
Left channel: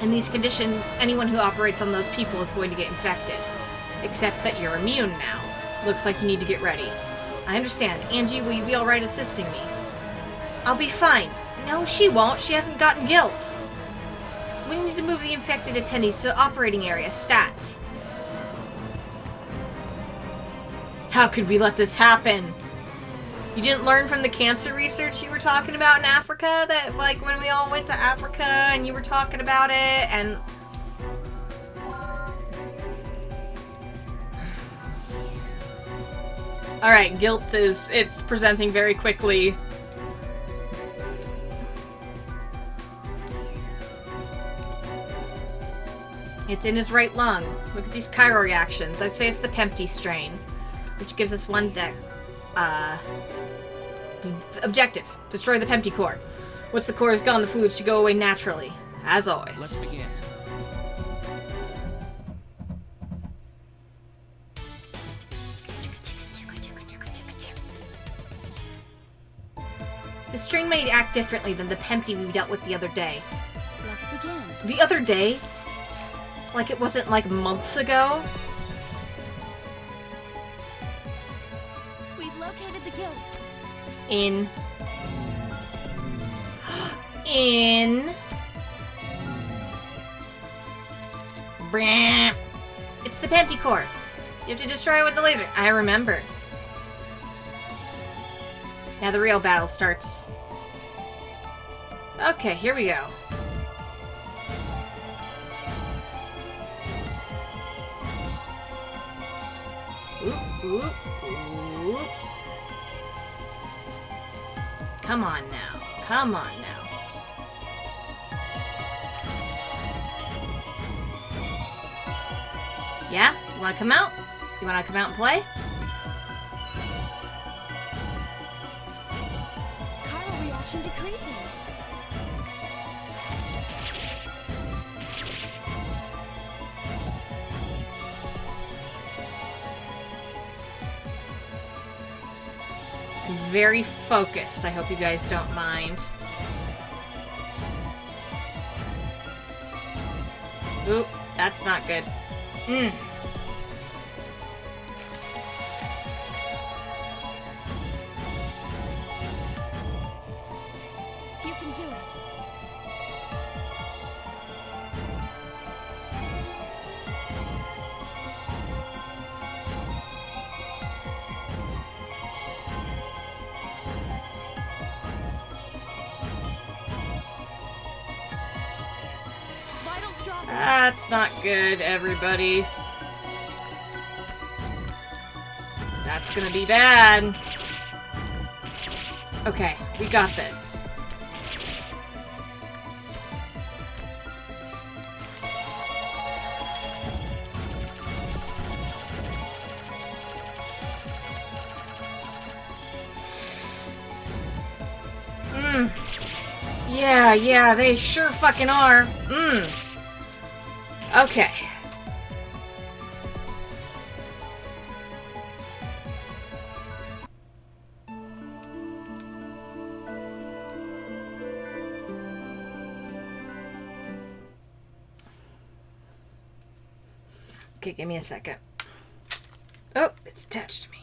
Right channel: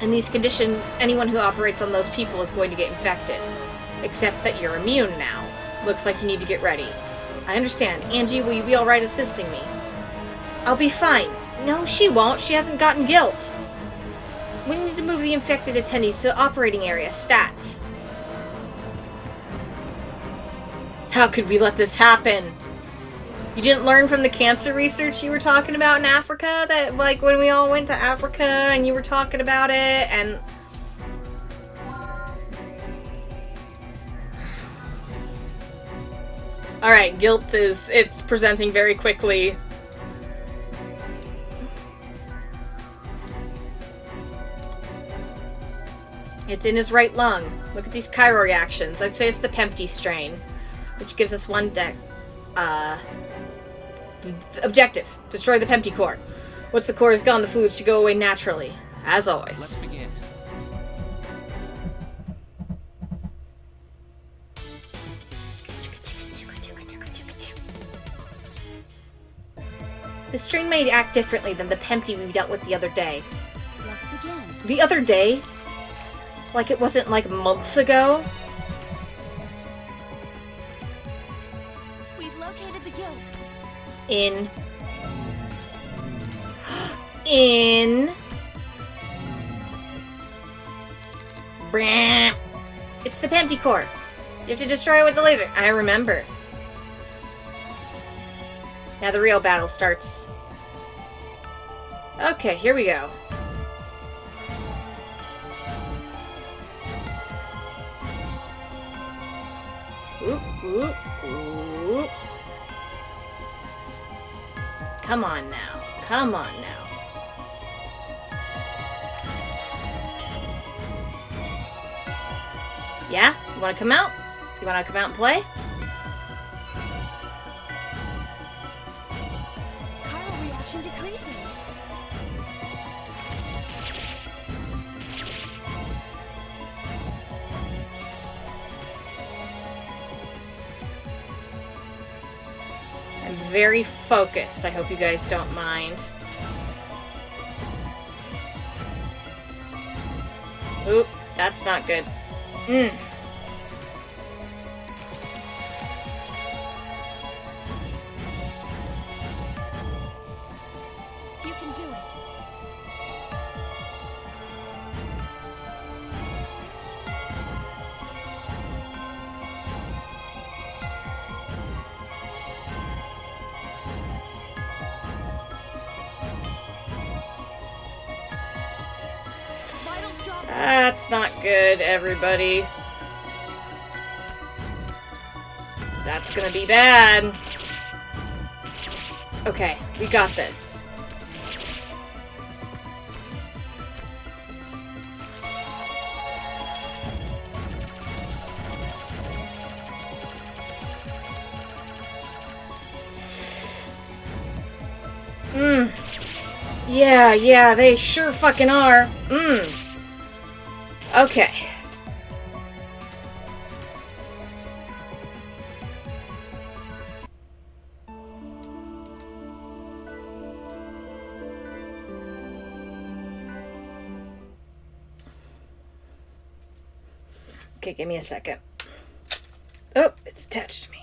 In these conditions, anyone who operates on those people is going to get infected. Except that you're immune now. Looks like you need to get ready. I understand. Angie, will you be alright assisting me? I'll be fine. No, she won't. She hasn't gotten guilt. We need to move the infected attendees to the operating area. Stat. How could we let this happen? You didn't learn from the cancer research you were talking about in Africa? That, like, when we all went to Africa and you were talking about it and... Alright, guilt it's presenting very quickly. It's in his right lung. Look at these Chiral reactions. I'd say it's the pt8 strain, which gives us one objective. Destroy the pt8 core. Once the core is gone, the fluids should go away naturally. As always. Let's begin. The strain may act differently than the pt8 we dealt with the other day. Let's begin. The other day? Like it wasn't like months ago? We've located the guilt. In It's the pt8 core. You have to destroy it with the laser. I remember. Now the real battle starts. Okay, here we go. Oop, oop, oop. Come on now. Come on now. Yeah? You wanna come out? You wanna come out and play? Chiral reaction decreasing. I'm very focused. I hope you guys don't mind. Oop, that's not good. Mm. You can do it. Vitals dropping. That's not good, everybody. That's gonna be bad. Okay, we got this. Yeah, they sure fucking are. Okay. Okay, give me a second. Oh, it's attached to me.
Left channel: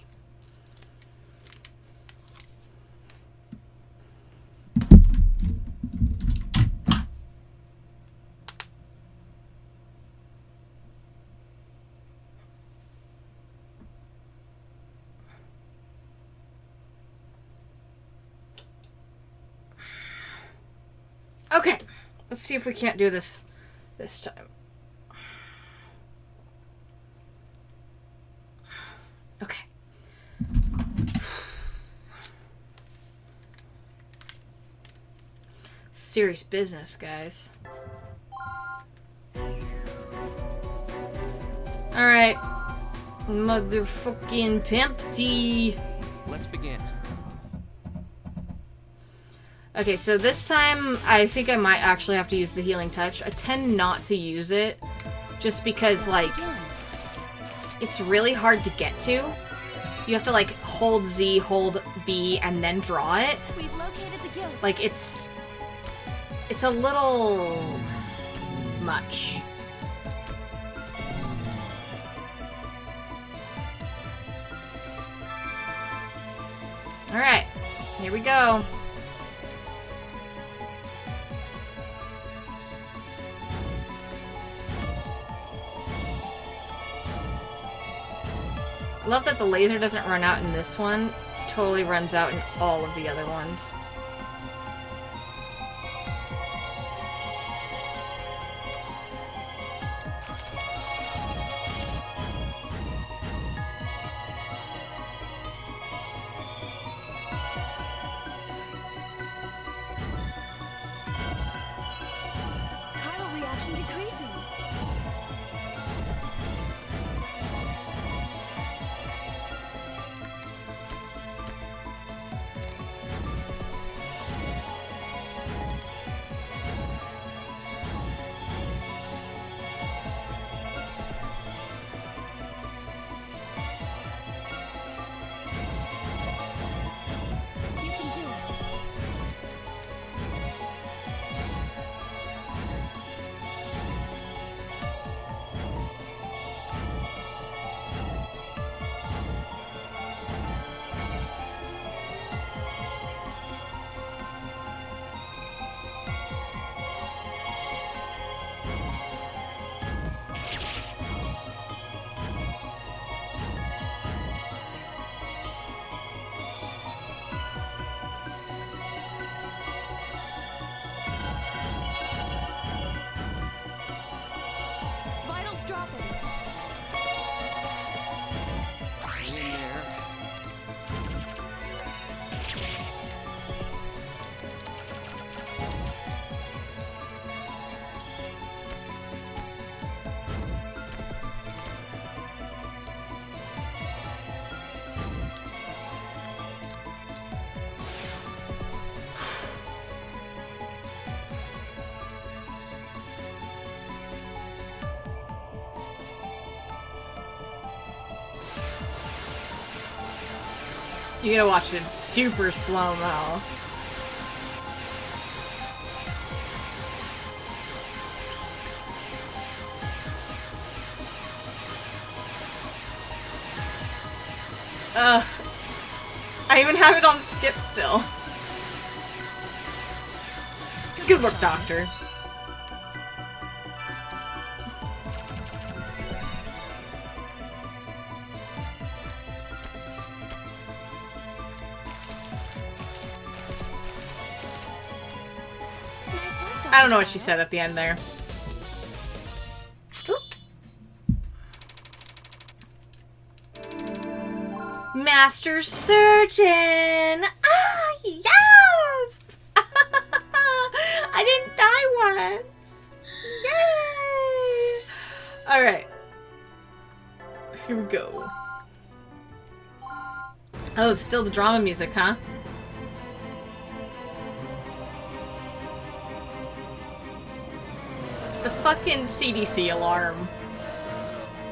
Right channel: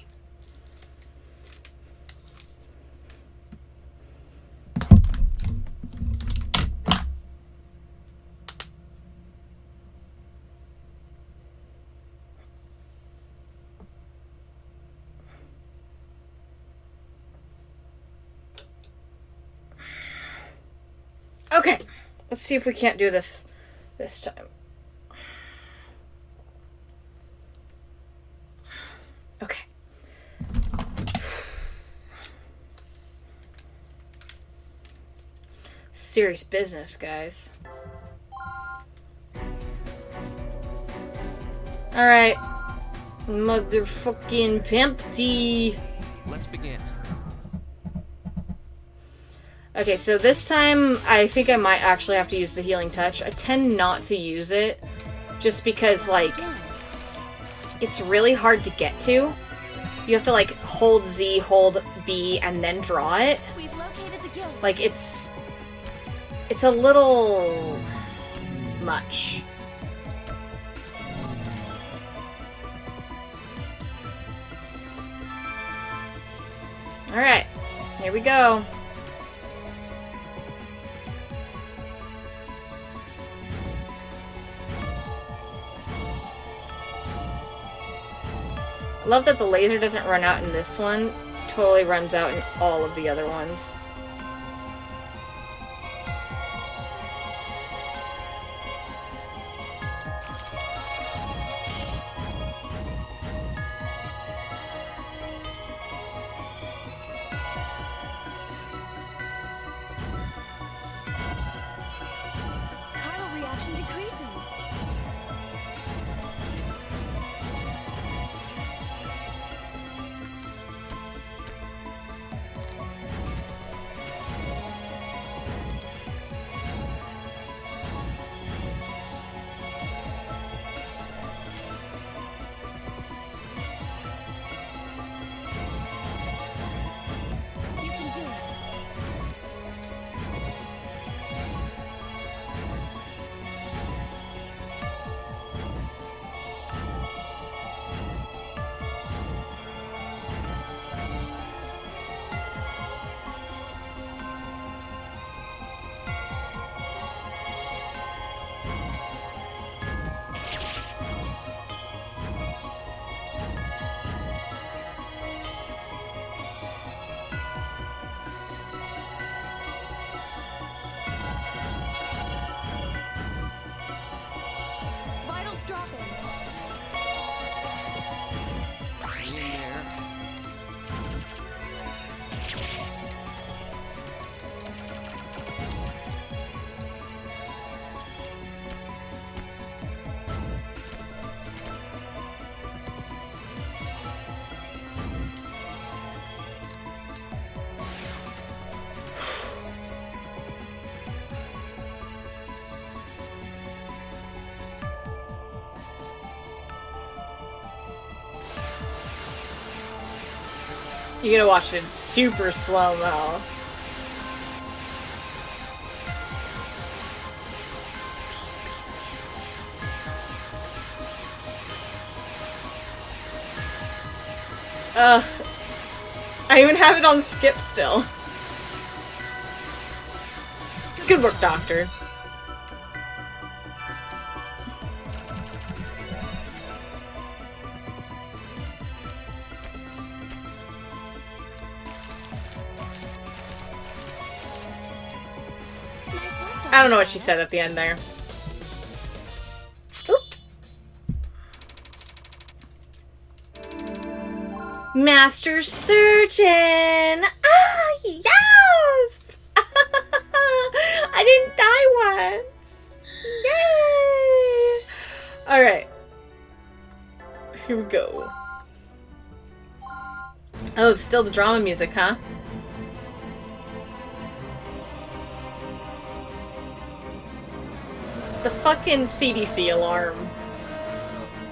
Okay, let's see if we can't do this time. Okay. Serious business, guys. Alright. Motherfucking pimpty. Let's begin. Okay, so this time I think I might actually have to use the healing touch. I tend not to use it just because, like, it's really hard to get to. You have to, like, hold Z, hold B, and then draw it. We've located the guild. Like, it's a little much. Alright, here we go. I love that the laser doesn't run out in this one. Totally runs out in all of the other ones. Chiral reaction decreasing. You can do it. You gotta watch it in super slow-mo. I even have it on skip still. Good work, Doctor. Nice work, Dr. I don't know what she Stiles. said at the end there. Master Surgeon! Ah, yes! I didn't die once! Yay! Alright. Here we go. Oh, it's still the drama music, huh? The fucking CDC alarm.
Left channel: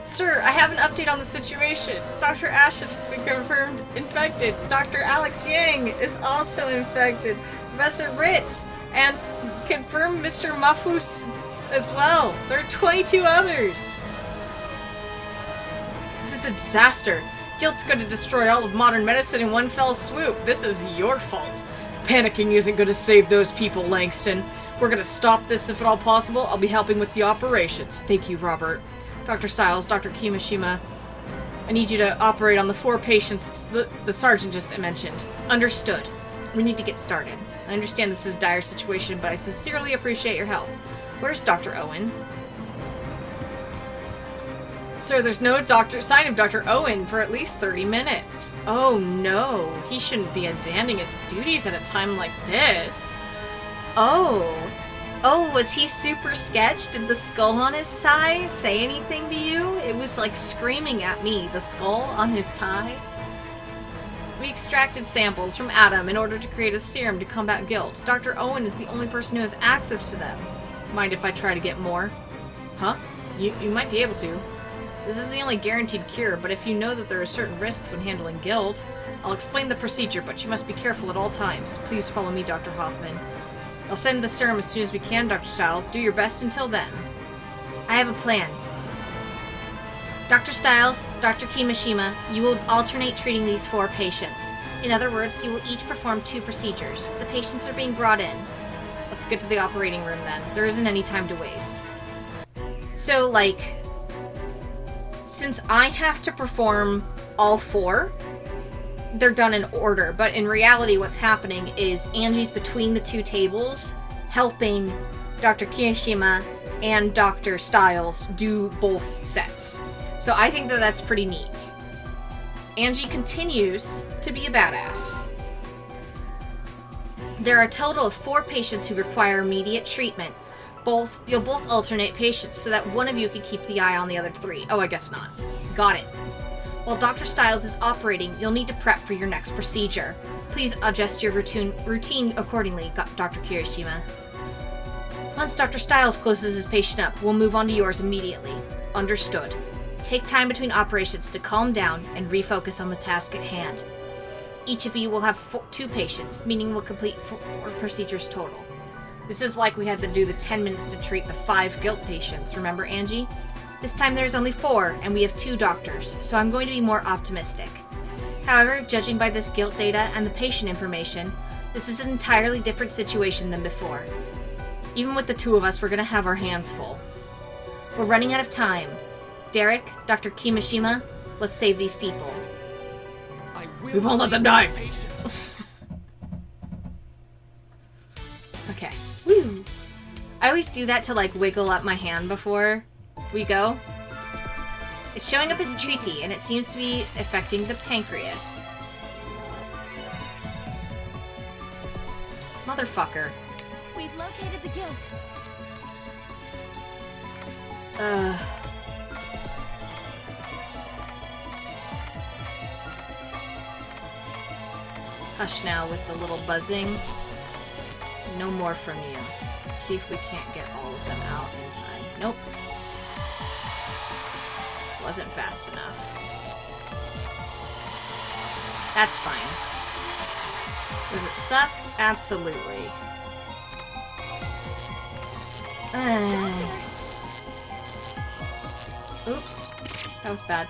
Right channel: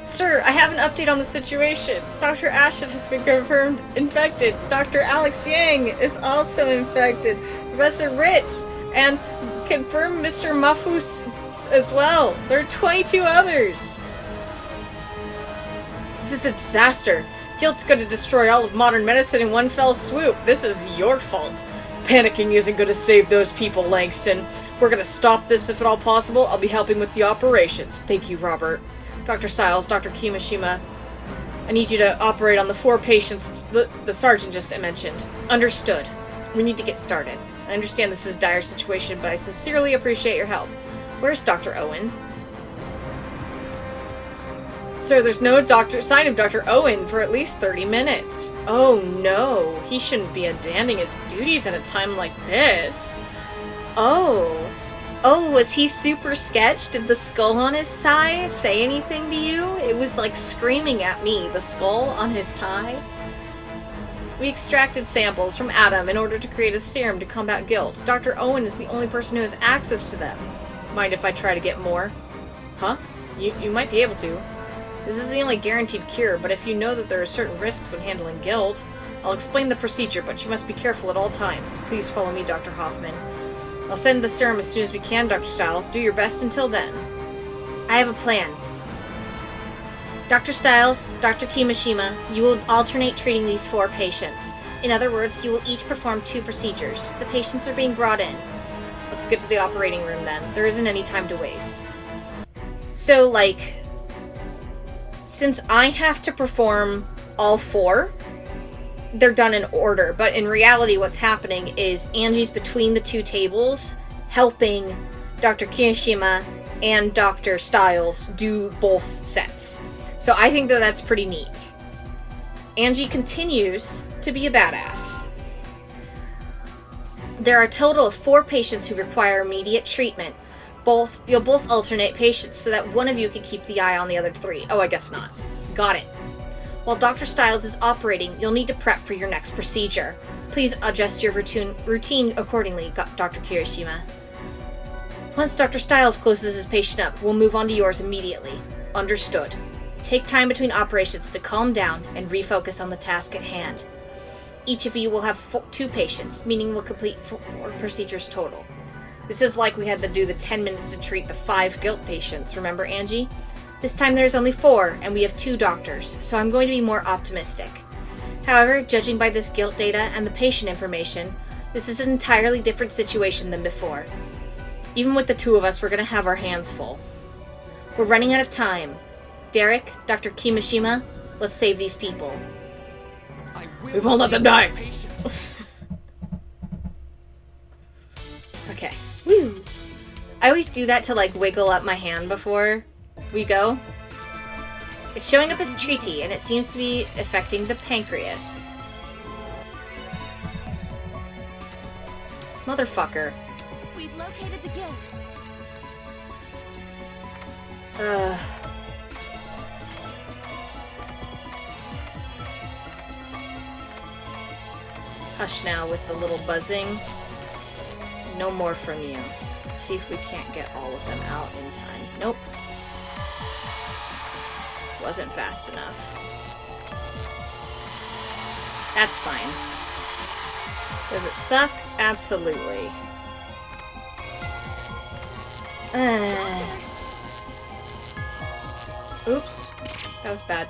Sir, I have an update on the situation. Dr. Ashton has been confirmed infected. Dr. Alex Yang is also infected. Professor Ritz and confirmed Mr. Mafus as well. There are 22 others. This is a disaster. Guilt's going to destroy all of modern medicine in one fell swoop. This is your fault. Panicking isn't going to save those people, Langston. We're going to stop this if at all possible. I'll be helping with the operations. Thank you, Robert. Dr. Stiles, Dr. Kimishima, I need you to operate on the 4 patients the sergeant just mentioned. Understood. We need to get started. I understand this is a dire situation, but I sincerely appreciate your help. Where's Dr. Owen? Sir, there's no sign of Dr. Owen for at least 30 minutes. Oh no, he shouldn't be abandoning his duties at a time like this. Oh, was he super sketched? Did the skull on his tie say anything to you? It was like screaming at me, the skull on his tie. We extracted samples from Adam in order to create a serum to combat guilt. Dr. Owen is the only person who has access to them. Mind if I try to get more? Huh? You might be able to. This is the only guaranteed cure, but if you know that there are certain risks when handling guilt, I'll explain the procedure, but you must be careful at all times. Please follow me, Dr. Hoffman. I'll send the serum as soon as we can, Dr. Stiles. Do your best until then. I have a plan. Dr. Stiles, Dr. Kimishima, you will alternate treating these 4 patients. In other words, you will each perform 2 procedures. The patients are being brought in. Let's get to the operating room then. There isn't any time to waste. So, like, since I have to perform all 4, they're done in order, but in reality what's happening is Angie's between the 2 tables helping Dr. Kirishima and Dr. Stiles do both sets. So I think that that's pretty neat. Angie continues to be a badass. There are a total of 4 patients who require immediate treatment. You'll both alternate patients so that one of you can keep the eye on the other 3. Oh, I guess not. Got it. While Dr. Stiles is operating, you'll need to prep for your next procedure. Please adjust your routine accordingly, Dr. Kirishima. Once Dr. Stiles closes his patient up, we'll move on to yours immediately. Understood. Take time between operations to calm down and refocus on the task at hand. Each of you will have 2 patients, meaning we'll complete 4 procedures total. This is like we had to do the 10 minutes to treat the 5 guilt patients, remember, Angie? This time there's only 4, and we have 2 doctors, so I'm going to be more optimistic. However, judging by this guilt data and the patient information, this is an entirely different situation than before. Even with the 2 of us, we're going to have our hands full. We're running out of time. Derek, Dr. Kimishima, let's save these people. We won't let them die! Okay. Woo! I always do that to, like, wiggle up my hand before we go. It's showing up as treaty, and it seems to be affecting the pancreas. Motherfucker. We've located the guilt. Hush now with the little buzzing. No more from you. Let's see if we can't get all of them out in time. Nope. Wasn't fast enough. That's fine. Does it suck? Absolutely. Oops. That was bad.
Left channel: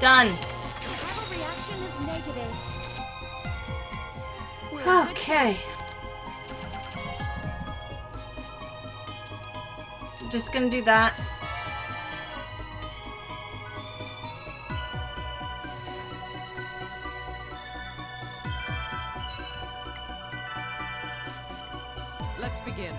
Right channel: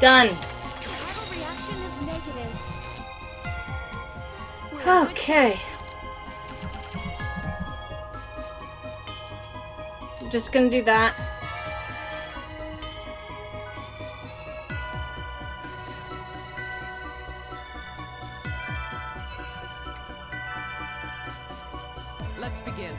Done. Chiral reaction is negative. We're in good Okay. Just gonna do that. Let's begin.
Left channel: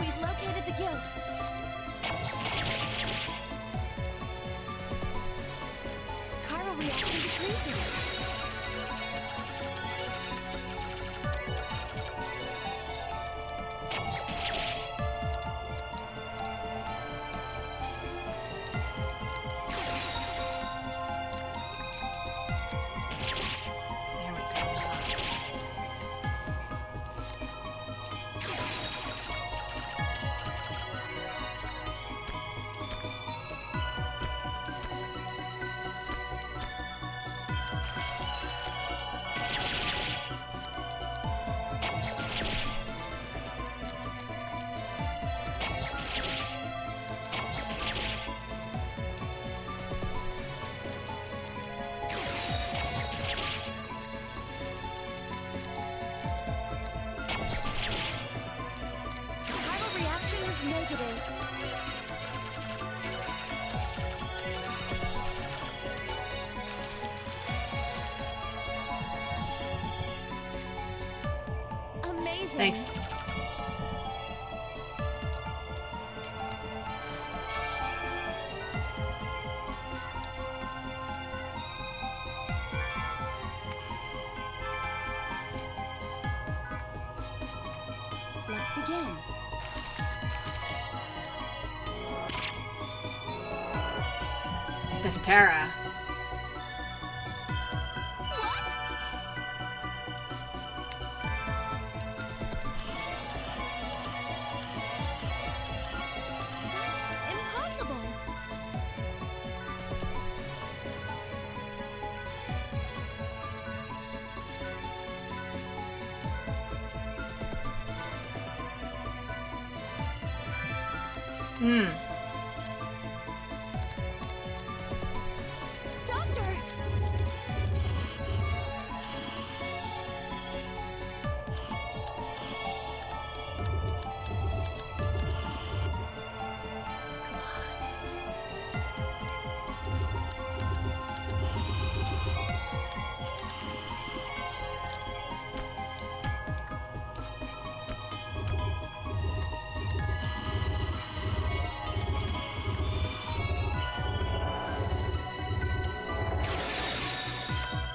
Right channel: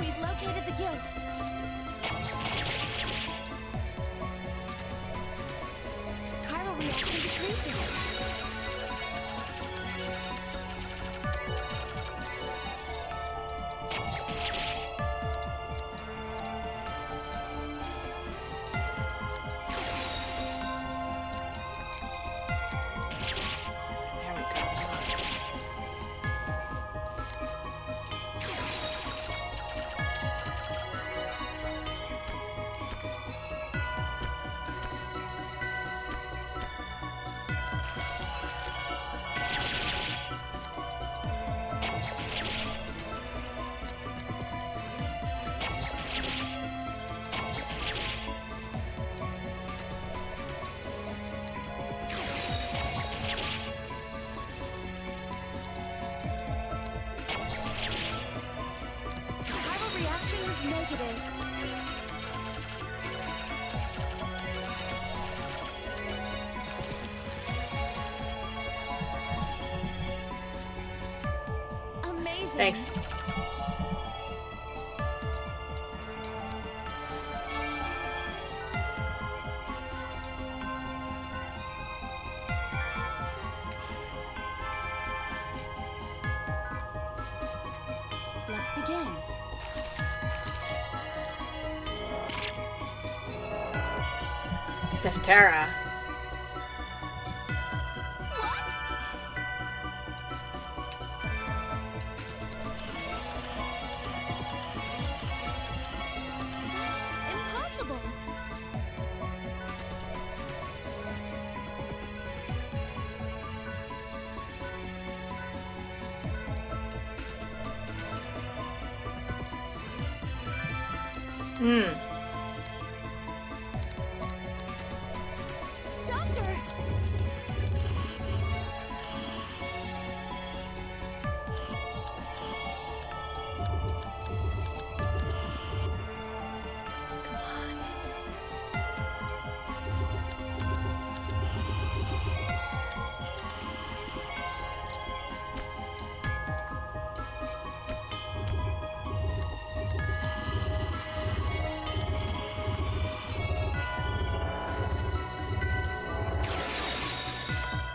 We've located the guild. Chiral reaction decreasing. Chiral reaction is negative. Amazing. Thanks. Let's begin. Diphthera. What? That's impossible. Doctor!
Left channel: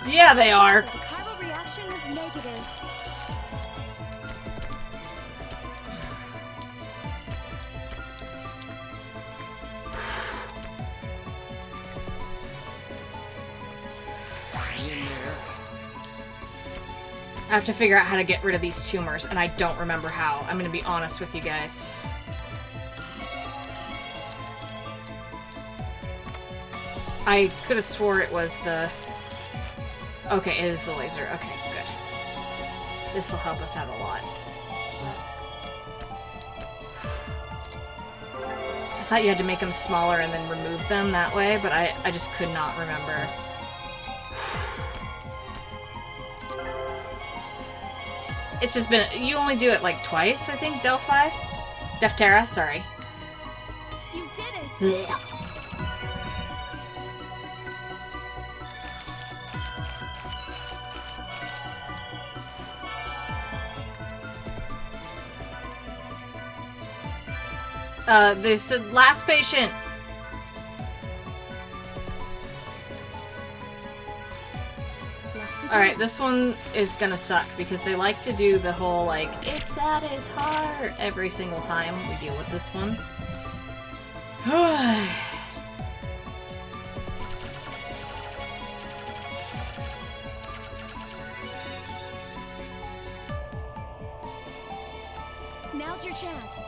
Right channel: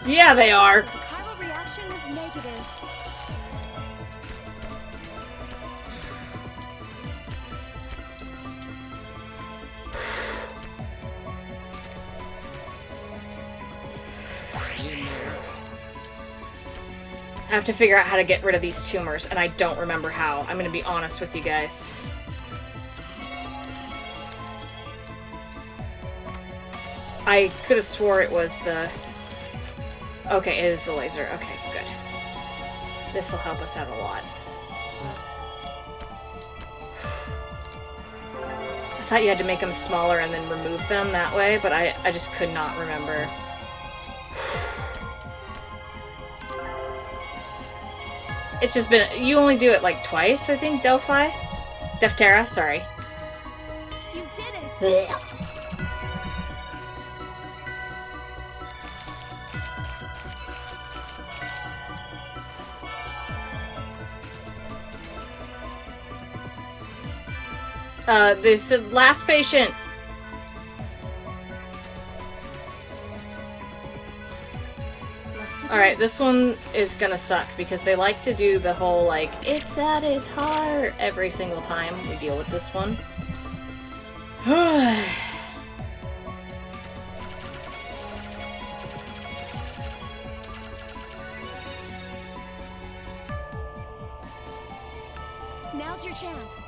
Yeah, they are. The chiral reaction is negative. In there. I have to figure out how to get rid of these tumors, and I don't remember how. I'm gonna be honest with you guys. I could have swore it was the... Okay, it is the laser. Okay, good. This will help us out a lot. thought you had to make them smaller and then remove them that way, but I just could not remember. It's just been... You only do it, like, twice, I think, Delphi? Defterra, sorry. You did it! This last patient. Let's begin. Alright, this one is gonna suck because they like to do the whole, like, it's at his heart every single time we deal with this one. Now's your chance.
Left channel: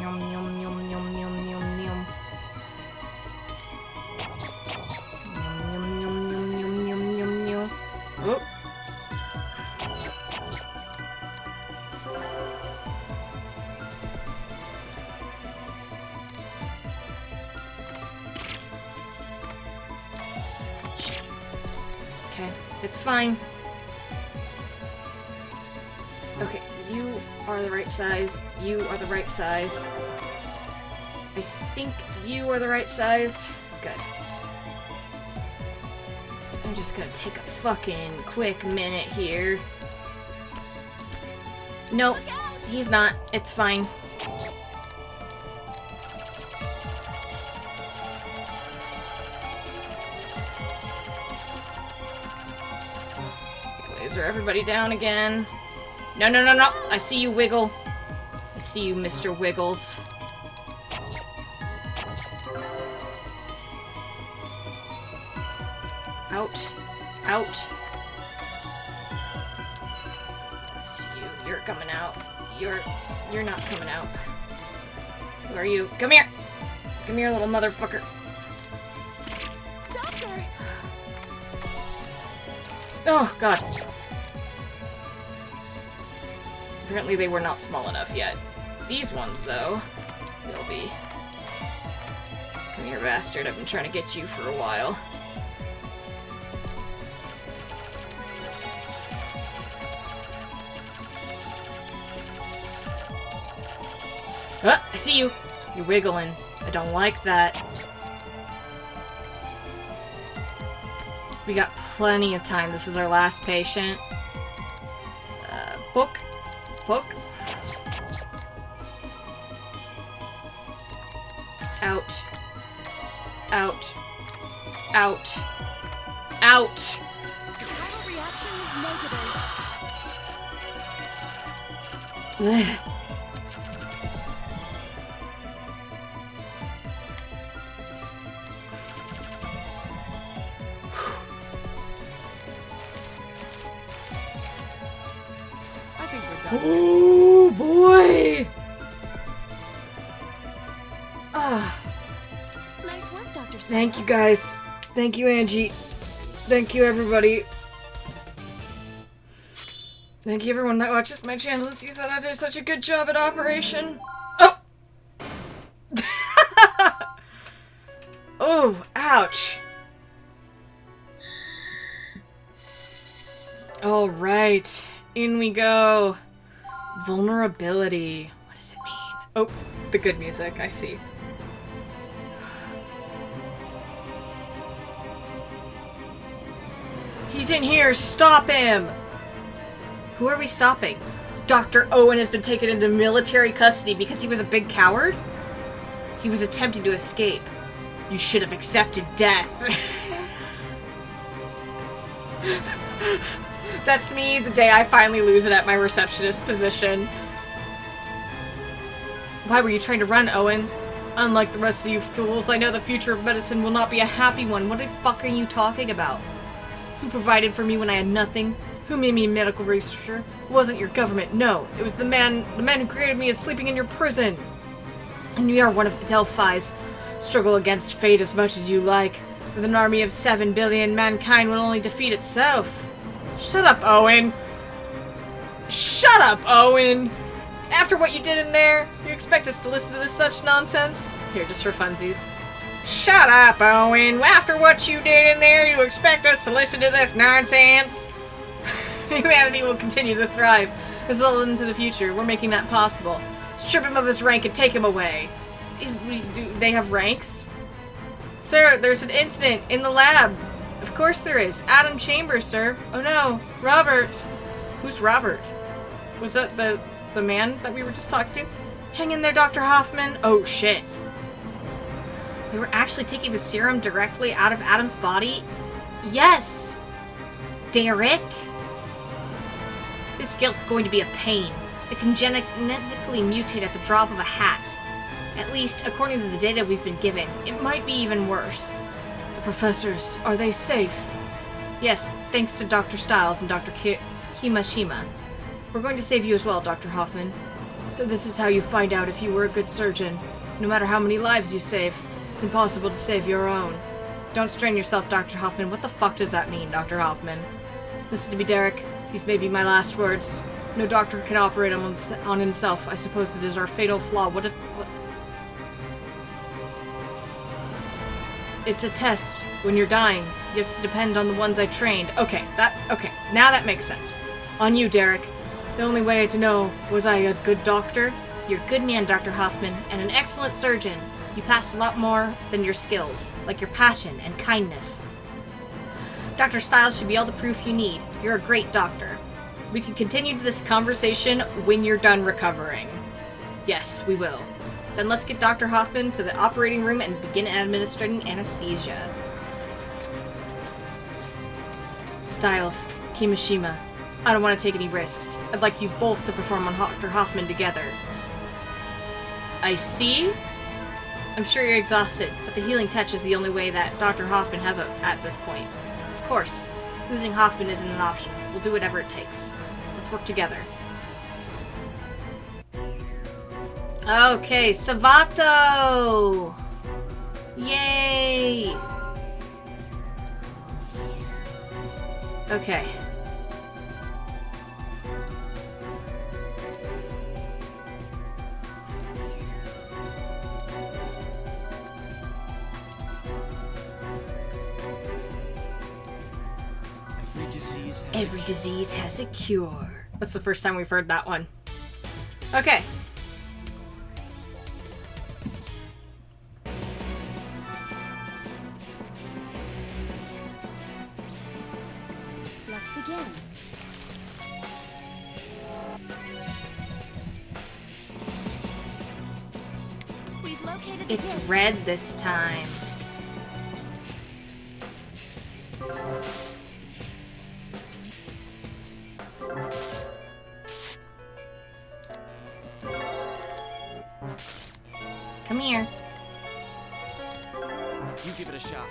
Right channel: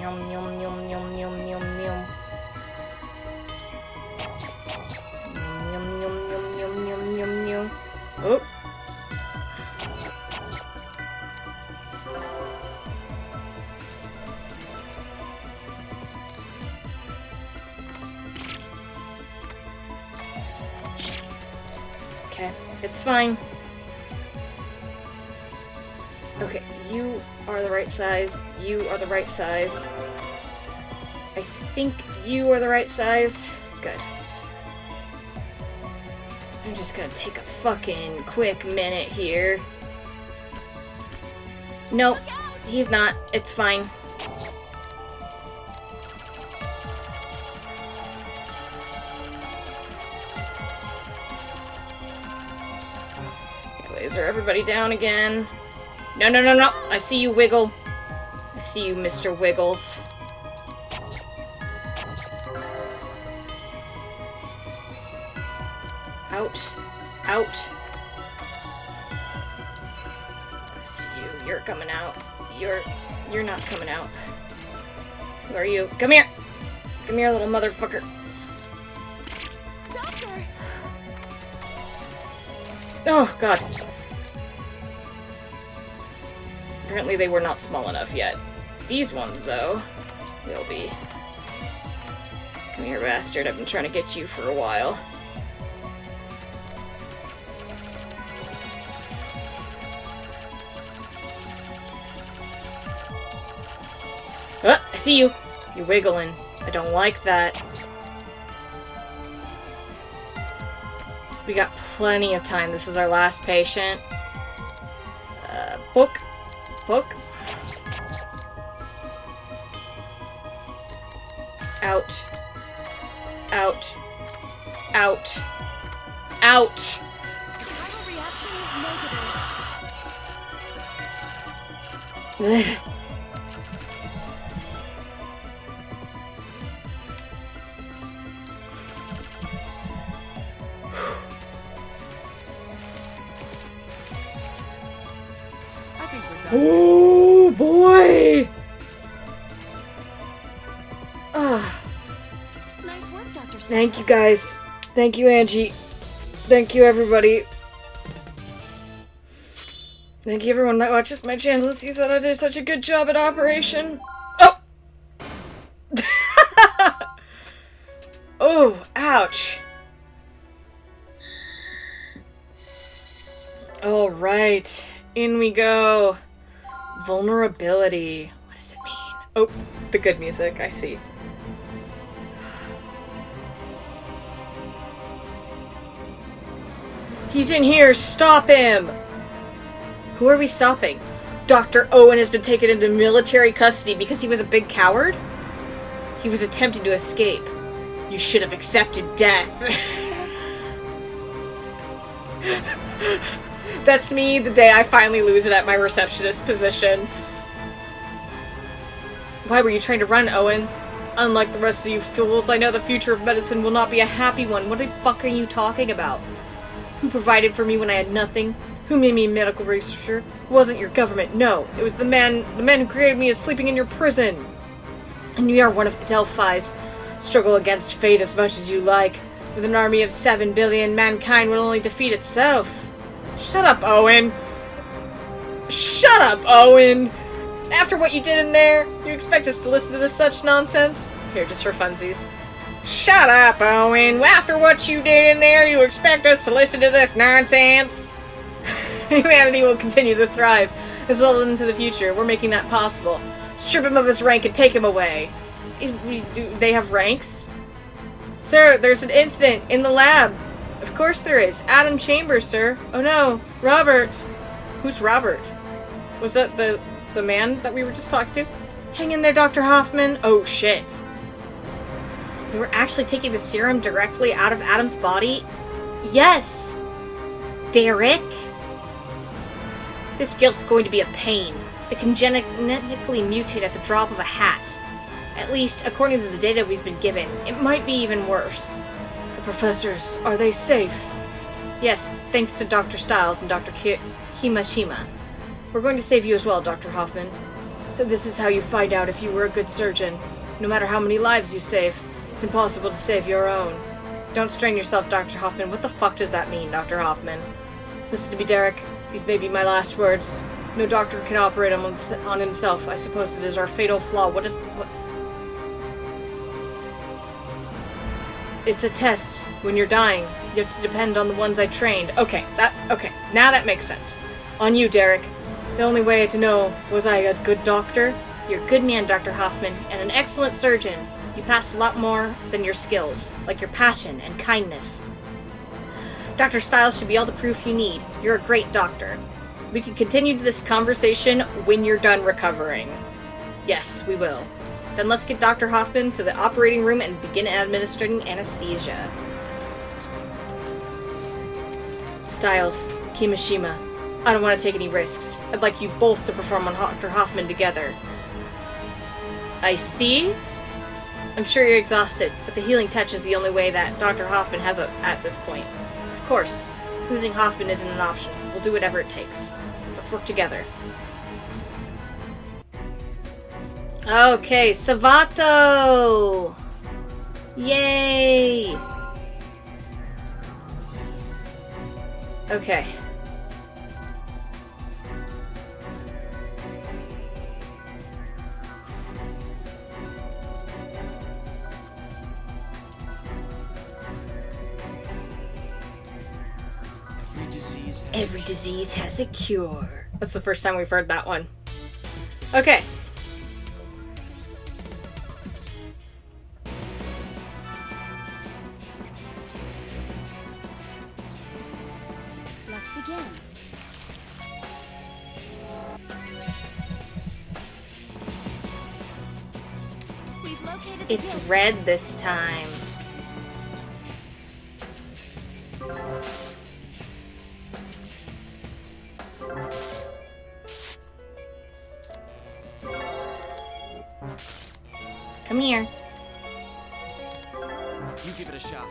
Yum, yum, yum, yum, yum, yum, yum. Yum, yum, yum, yum, yum, yum, yum. Oh. Okay, it's fine. Okay, you are the right size. You are the right size. I think you are the right size. Good. I'm just gonna take a fucking quick minute here. Nope, he's not. It's fine. Laser everybody down again. No, no, no, no. I see you, Wiggle. I see you, Mr. Wiggles. Out. Out. I see you. You're coming out. You're not coming out. Who are you? Come here! Come here, little motherfucker. Doctor! Oh, God. Apparently they were not small enough yet. These ones, though, will be. Come here, bastard. I've been trying to get you for a while. Ah, I see you. You're wiggling. I don't like that. We got plenty of time. This is our last patient. Book. Book. Out. Out. Out. Out. The viral reaction is negative. Ugh. I think we're done. Oh boy! Ah, Nice work, Dr. Styles. thank you guys. Thank you, Angie. Thank you, everybody. Thank you, everyone that watches my channel and sees that I did such a good job at Operation. Oh! Oh, ouch. Alright, in we go. Vulnerability. What does it mean? Oh, the good music, I see. He's in here, stop him! Who are we stopping? Dr. Owen has been taken into military custody because he was a big coward? He was attempting to escape. You should have accepted death. That's me the day I finally lose it at my receptionist position. Why were you trying to run, Owen? Unlike the rest of you fools, I know the future of medicine will not be a happy one. What the fuck are you talking about? Who provided for me when I had nothing? Who made me a medical researcher? It wasn't your government, no. It was the man who created me is sleeping in your prison. And you are one of Delphi's Struggle against fate as much as you like. With an army of 7 billion, mankind will only defeat itself. Shut up, Owen. Shut up, Owen! After what you did in there, you expect us to listen to this such nonsense? Here, just for funsies. Shut up, Owen! After what you did in there, you expect us to listen to this nonsense? Humanity will continue to thrive, as well into the future. We're making that possible. Strip him of his rank and take him away. Do they have ranks? Sir, there's an incident in the lab. Of course there is. Adam Chambers, sir. Oh no, Robert. Who's Robert? Was that the man that we were just talking to? Hang in there, Dr. Hoffman. Oh shit. They were actually taking the serum directly out of Adam's body? Yes! Derek? This guilt's going to be a pain. It can genetically mutate at the drop of a hat. At least, according to the data we've been given, it might be even worse. The professors, are they safe? Yes, thanks to Dr. Stiles and Dr. Himashima. We're going to save you as well, Dr. Hoffman. So this is how you find out if you were a good surgeon. No matter how many lives you save, it's impossible to save your own. Don't strain yourself, Dr. Hoffman. What the fuck does that mean, Dr. Hoffman? Listen to me, Derek. These may be my last words. No doctor can operate on himself. I suppose it is our fatal flaw. What? It's a test. When you're dying, you have to depend on the ones I trained. Okay, now that makes sense. On you, Derek. The only way to know, was I a good doctor? You're a good man, Dr. Hoffman, and an excellent surgeon. You passed a lot more than your skills, like your passion and kindness. Dr. Stiles should be all the proof you need. You're a great doctor. We can continue this conversation when you're done recovering. Yes, we will. Then let's get Dr. Hoffman to the operating room and begin administering anesthesia. Stiles, Kimishima, I don't want to take any risks. I'd like you both to perform on Dr. Hoffman together. I see. I'm sure you're exhausted, but the healing touch is the only way that Dr. Hoffman has at this point. Of course, losing Hoffman isn't an option. We'll do whatever it takes. Let's work together. Okay, Savato! Yay! Okay. Every disease has a cure. That's the first time we've heard that one. Okay. Let's begin. We've located the It's guild. red this time. Come here. You give it a shot.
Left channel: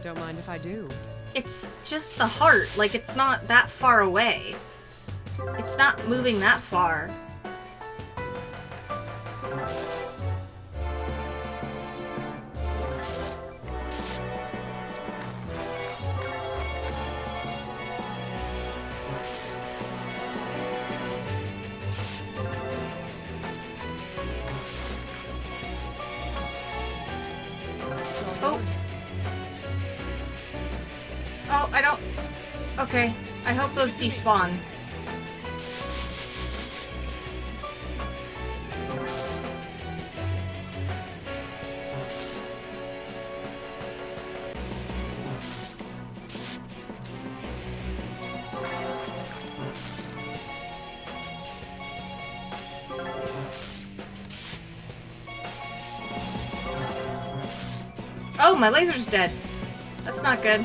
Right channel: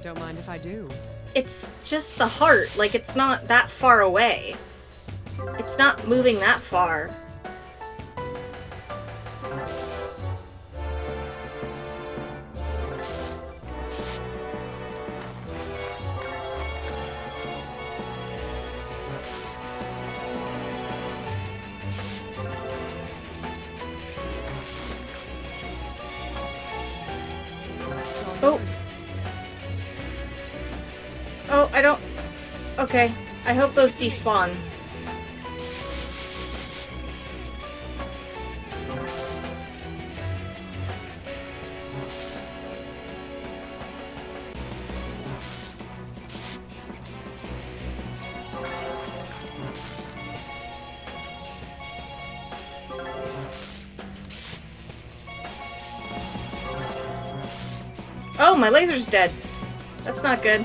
Don't mind if I do. It's just the heart. Like, it's not that far away. It's not moving that far. It's all Oh. yours. Oh, I don't... Okay. I hope those despawn. Oh, my laser's dead. That's not good.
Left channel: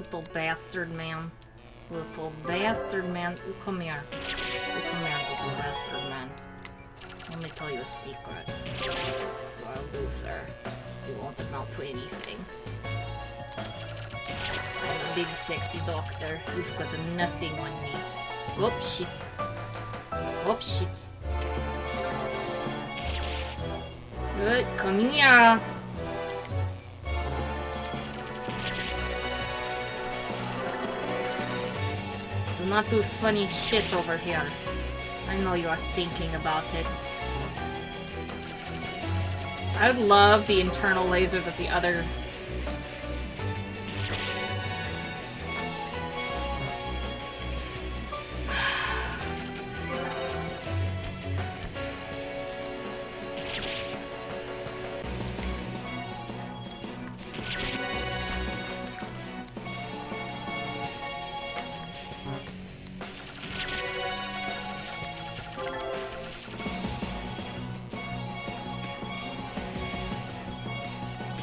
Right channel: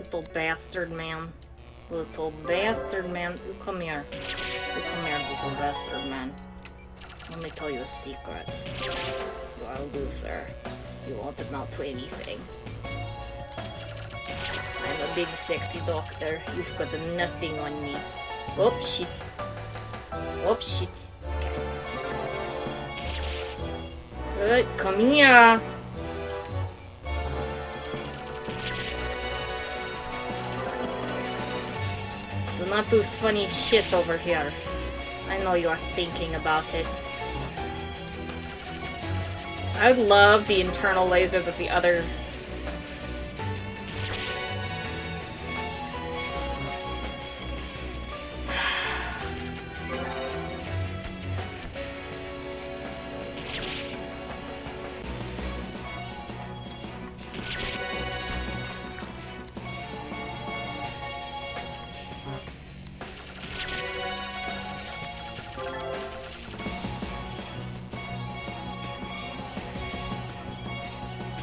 Little bastard man. Little bastard man. Ooh, come here. Ooh, come here, little bastard man. Let me tell you a secret. I'll do, sir. You won't amount to anything. I'm a big sexy doctor. You've got nothing on me. Oh, shit. Oh, shit. Good, come here. Do not do funny shit over here. I know you are thinking about it. I love the internal laser that the other...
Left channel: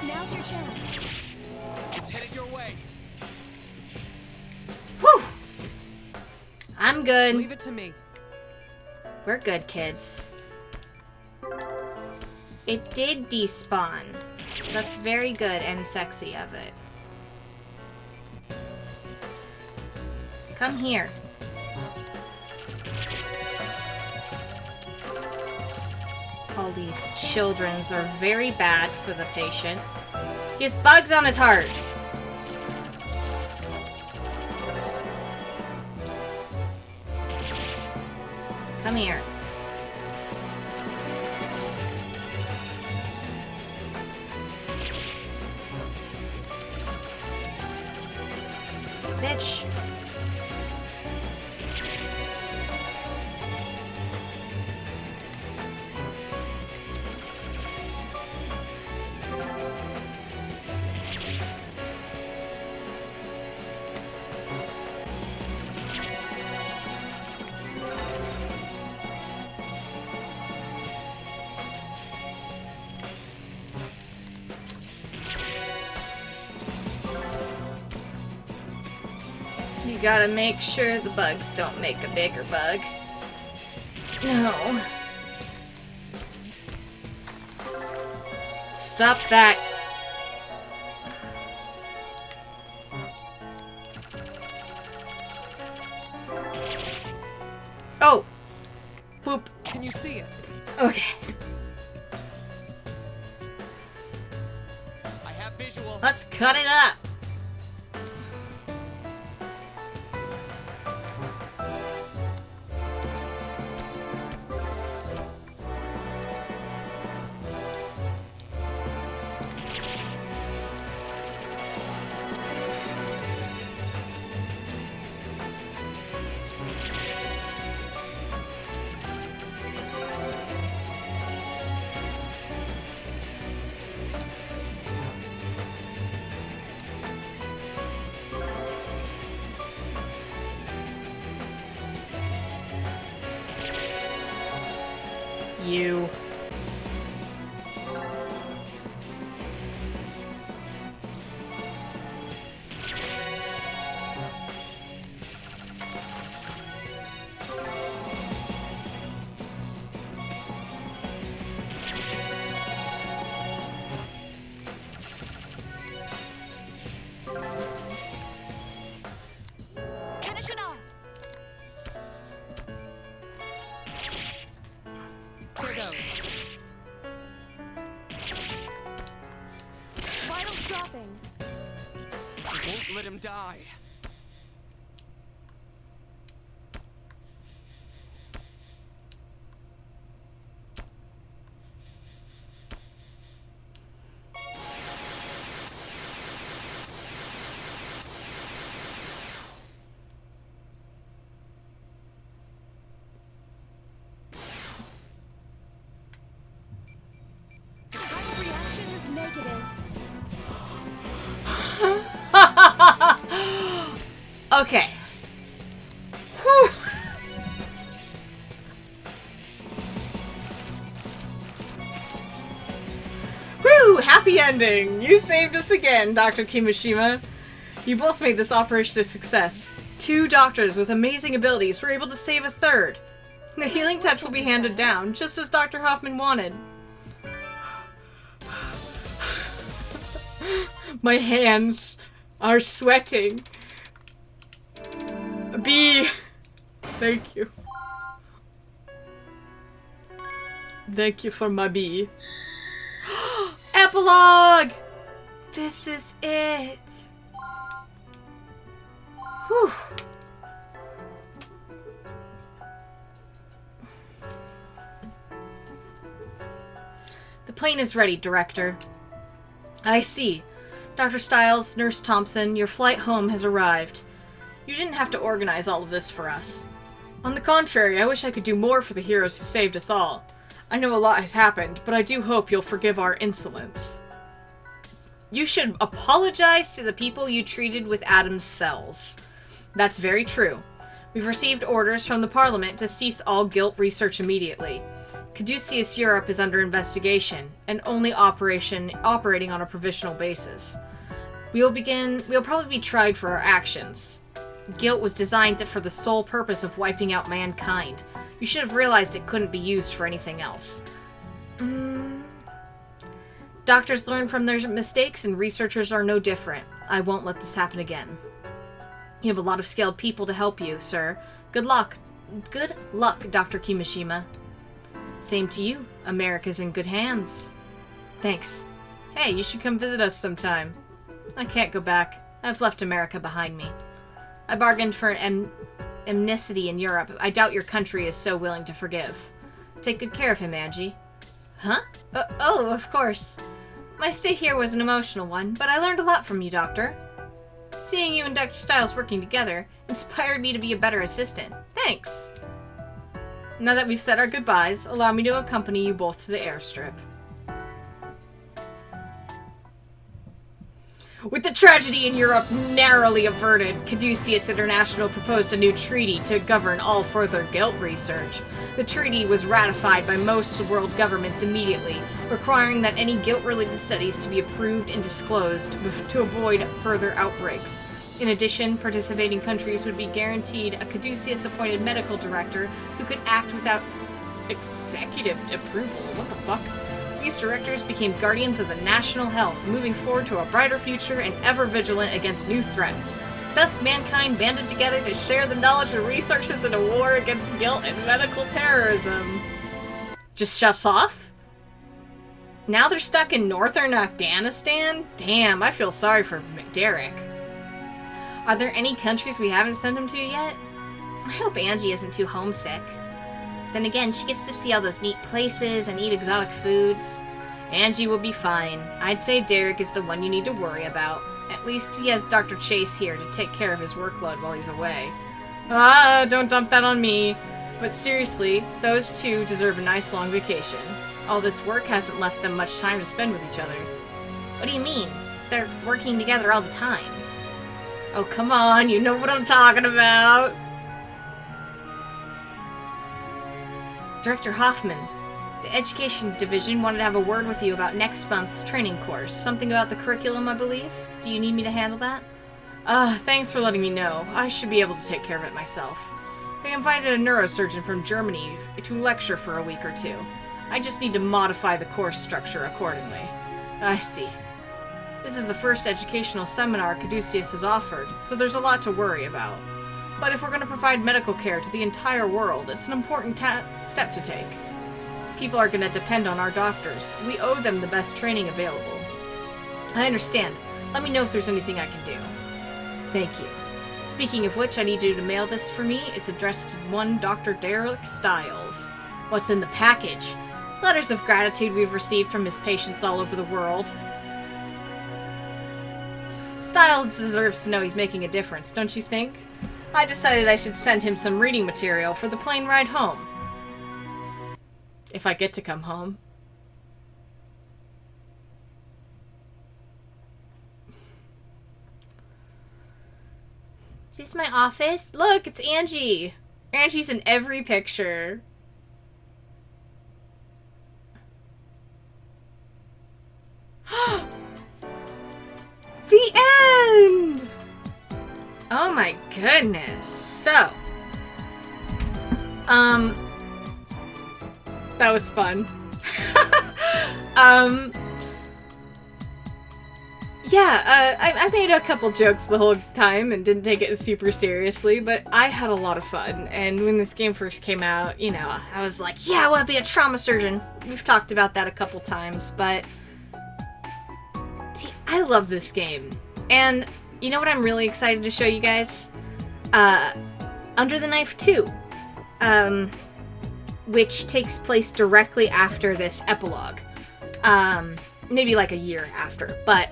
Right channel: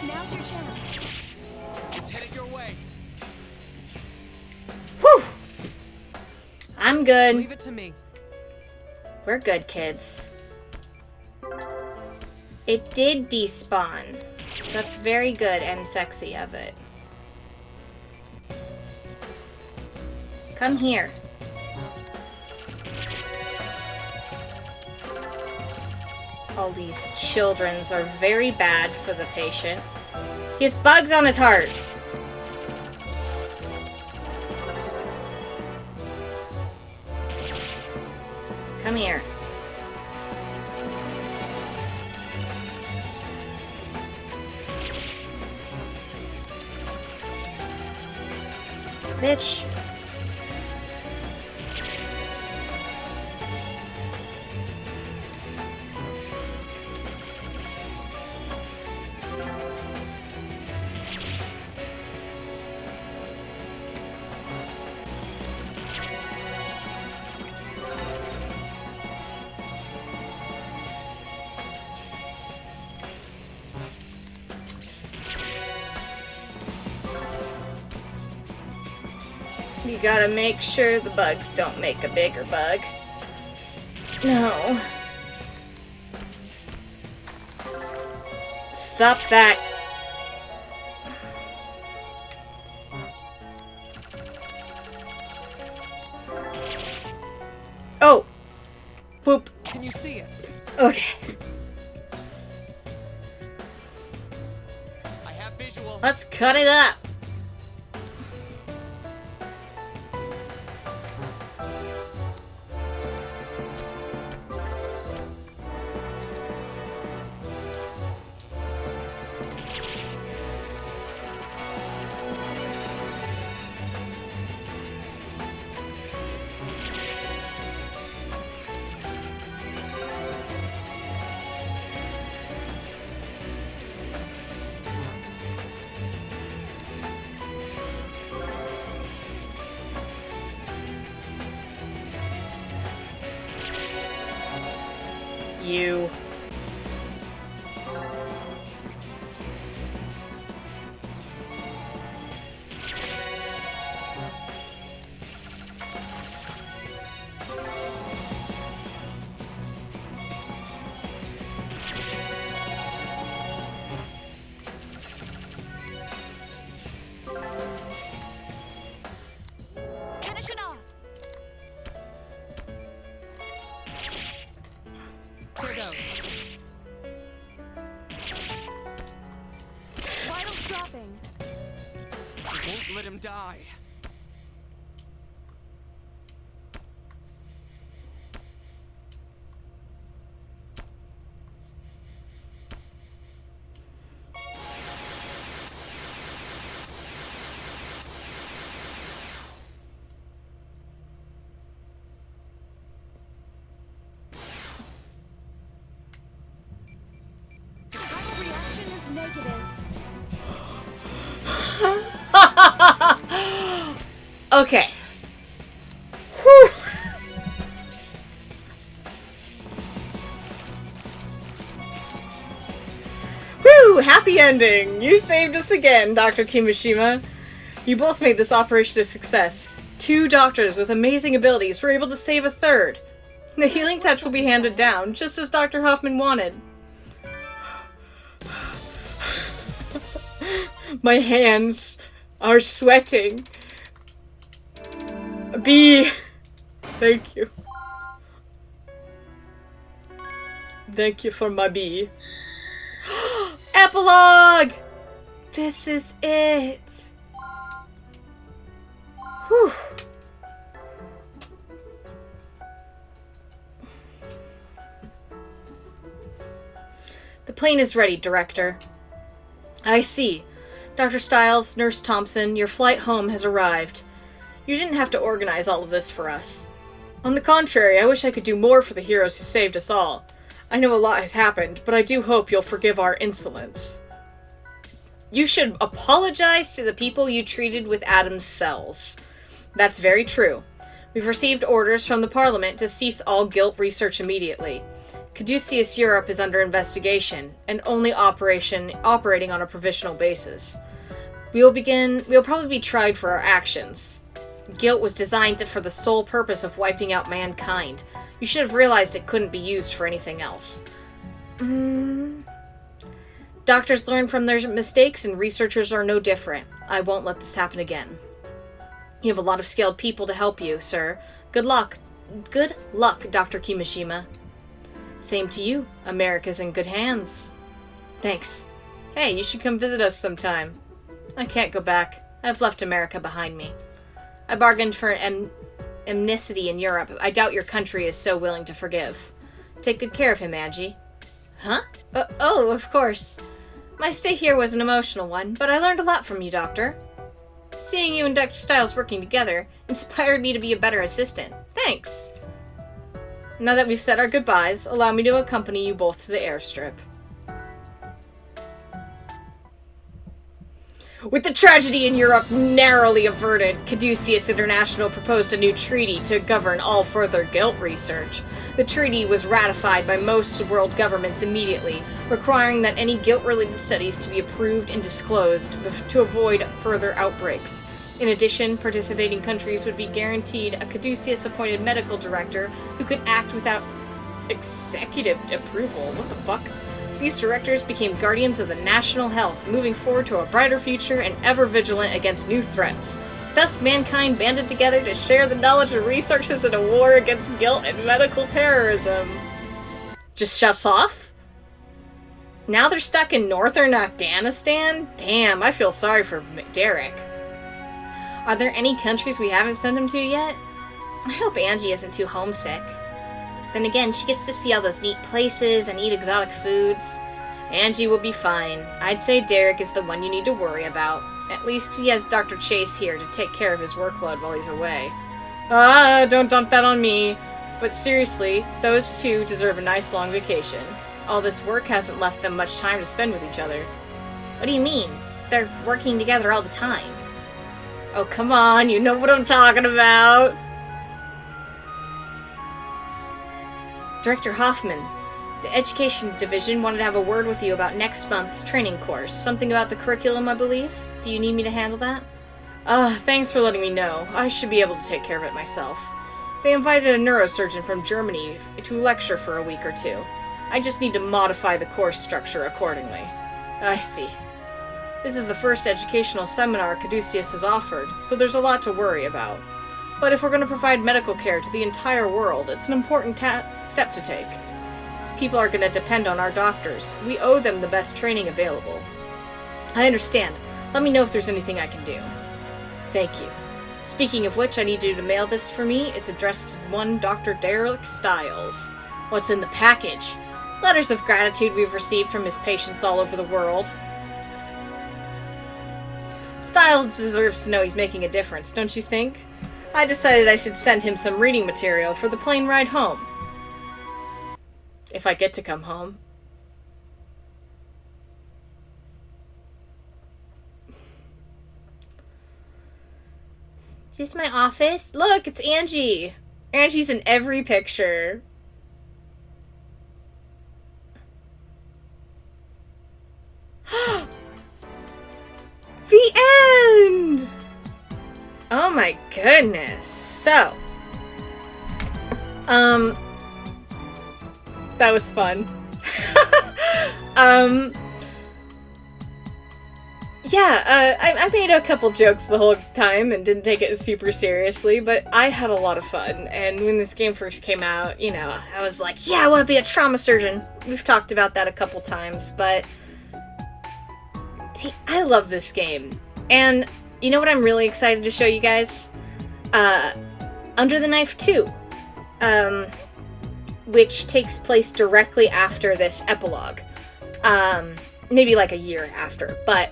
Now's your chance. It's headed your way. Whew! I'm good. Leave it to me. We're good, kids. It did despawn. So that's very good and sexy of it. Come here. All these children's are very bad for the patient. He has bugs on his heart. Come here. Bitch. You gotta make sure the bugs don't make a bigger bug. No. Stop that. Oh. Boop. Can you see it? Okay. I have visual. Let's cut it up. You. Finish it off. Here goes. Vitals dropping. I won't let him die. Time of reaction is negative. Okay. Whew. Woo! Happy ending! You saved us again, Dr. Kimishima. You both made this operation a success. 2 doctors with amazing abilities were able to save a third. The healing touch will be handed down, just as Dr. Hoffman wanted. My hands are sweating. B. Thank you. Thank you for my B. Epilogue! This is it. Whew. The plane is ready, Director. I see. Dr. Stiles, Nurse Thompson, your flight home has arrived. You didn't have to organize all of this for us. On the contrary, I wish I could do more for the heroes who saved us all. I know a lot has happened, but I do hope you'll forgive our insolence. You should apologize to the people you treated with Adam's cells. That's very true. We've received orders from the Parliament to cease all guilt research immediately. Caduceus Europe is under investigation, and only operating on a provisional basis. We'll probably be tried for our actions. Guilt was designed for the sole purpose of wiping out mankind. You should have realized it couldn't be used for anything else. Doctors learn from their mistakes, and researchers are no different. I won't let this happen again. You have a lot of skilled people to help you, sir. Good luck. Good luck, Dr. Kimishima. Same to you. America's in good hands. Thanks. Hey, you should come visit us sometime. I can't go back. I've left America behind me. I bargained for an amnesty in Europe. I doubt your country is so willing to forgive. Take good care of him, Angie. Huh? Oh, of course. My stay here was an emotional one, but I learned a lot from you, Doctor. Seeing you and Dr. Stiles working together inspired me to be a better assistant. Thanks. Now that we've said our goodbyes, allow me to accompany you both to the airstrip. With the tragedy in Europe narrowly averted, Caduceus International proposed a new treaty to govern all further guilt research. The treaty was ratified by most world governments immediately, requiring that any guilt-related studies to be approved and disclosed to avoid further outbreaks. In addition, participating countries would be guaranteed a Caduceus-appointed medical director who could act without executive approval. What the fuck? These directors became guardians of the national health, moving forward to a brighter future and ever vigilant against new threats. Thus, mankind banded together to share the knowledge and resources in a war against guilt and medical terrorism. Just shuts off? Now they're stuck in northern Afghanistan? Damn, I feel sorry for Derek. Are there any countries we haven't sent him to yet? I hope Angie isn't too homesick. Then again, she gets to see all those neat places and eat exotic foods. Angie will be fine. I'd say Derek is the one you need to worry about. At least he has Dr. Chase here to take care of his workload while he's away. Ah, don't dump that on me. But seriously, those two deserve a nice long vacation. All this work hasn't left them much time to spend with each other. What do you mean? They're working together all the time. Oh, come on, you know what I'm talking about. Director Hoffman, the Education Division wanted to have a word with you about next month's training course. Something about the curriculum, I believe? Do you need me to handle that? Thanks for letting me know. I should be able to take care of it myself. They invited a neurosurgeon from Germany to lecture for a week or two. I just need to modify the course structure accordingly. I see. This is the first educational seminar Caduceus has offered, so there's a lot to worry about. But if we're going to provide medical care to the entire world, it's an important step to take. People are going to depend on our doctors. We owe them the best training available. I understand. Let me know if there's anything I can do. Thank you. Speaking of which, I need you to mail this for me. It's addressed to one Dr. Derek Stiles. What's in the package? Letters of gratitude we've received from his patients all over the world. Stiles deserves to know he's making a difference, don't you think? I decided I should send him some reading material for the plane ride home. If I get to come home. Is this my office? Look, it's Angie. Angie's in every picture. The end! Oh my goodness. So, that was fun. yeah, I made a couple jokes the whole time and didn't take it super seriously, but I had a lot of fun. And when this game first came out, you know, I was like, yeah, I want to be a trauma surgeon. We've talked about that a couple times, but I love this game. And you know what I'm really excited to show you guys? Under the Knife 2, which takes place directly after this epilogue. Maybe like a year after, but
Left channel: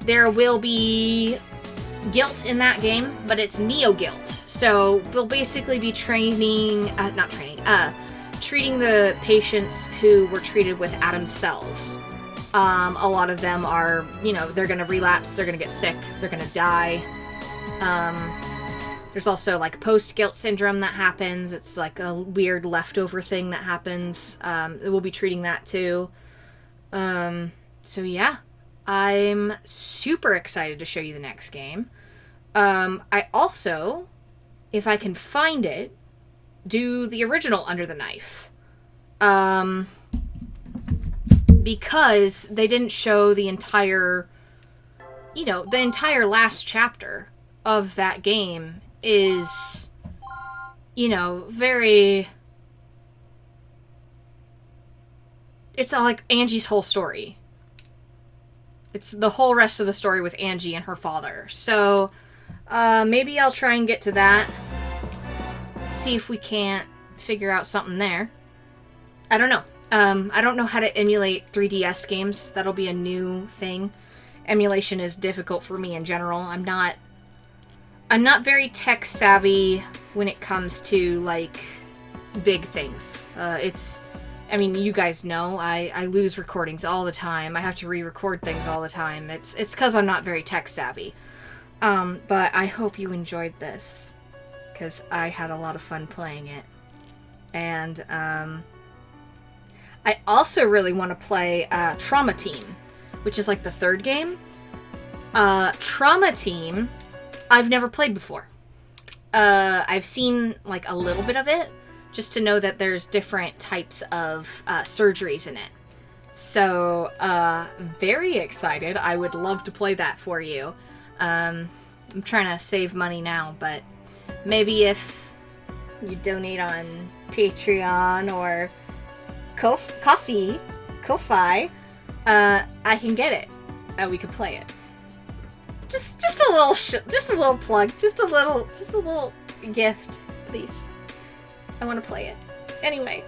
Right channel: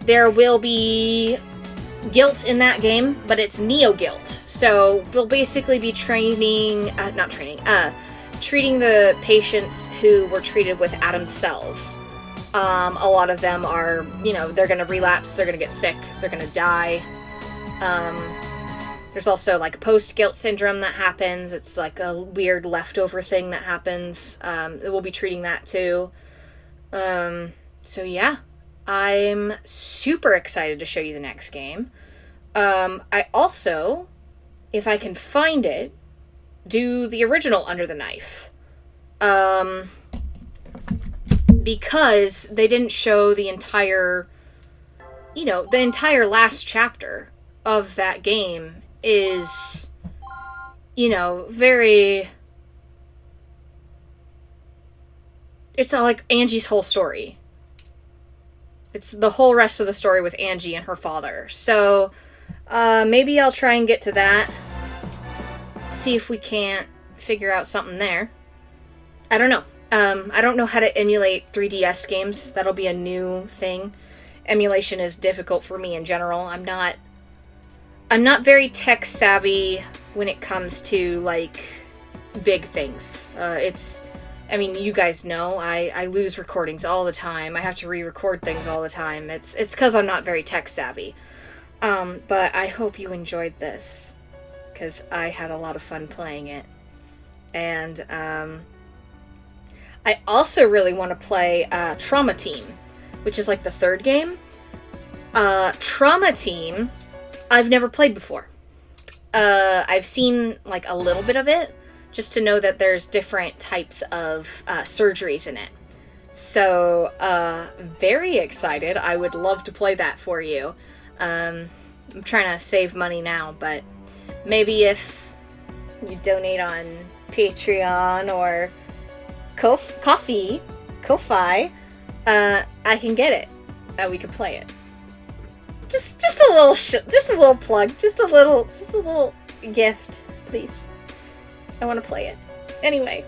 there will be guilt in that game, but it's neo-guilt. So we'll basically be treating the patients who were treated with Adam's cells. A lot of them are, you know, they're gonna relapse, they're gonna get sick, they're gonna die. There's also like post-guilt syndrome that happens. It's like a weird leftover thing that happens. We'll be treating that too. So yeah, I'm super excited to show you the next game. I also, if I can find it, do the original Under the Knife. Because they didn't show the entire, you know, the entire last chapter of that game is, you know, very... It's like Angie's whole story. It's the whole rest of the story with Angie and her father. So, maybe I'll try and get to that. See if we can't figure out something there. I don't know. I don't know how to emulate 3DS games. That'll be a new thing. Emulation is difficult for me in general. I'm not very tech savvy when it comes to, like, big things. I mean, you guys know, I lose recordings all the time. I have to re-record things all the time. It's because I'm not very tech savvy. But I hope you enjoyed this, because I had a lot of fun playing it. And, I also really want to play, Trauma Team, which is like the third game. Trauma Team, I've never played before. I've seen, like, a little bit of it, just to know that there's different types of surgeries in it. So, very excited. I would love to play that for you. I'm trying to save money now, but maybe if you donate on Patreon or Ko-Fi, I can get it. We could play it. Just a little plug, just a little gift, please. I want to play it. Anyway,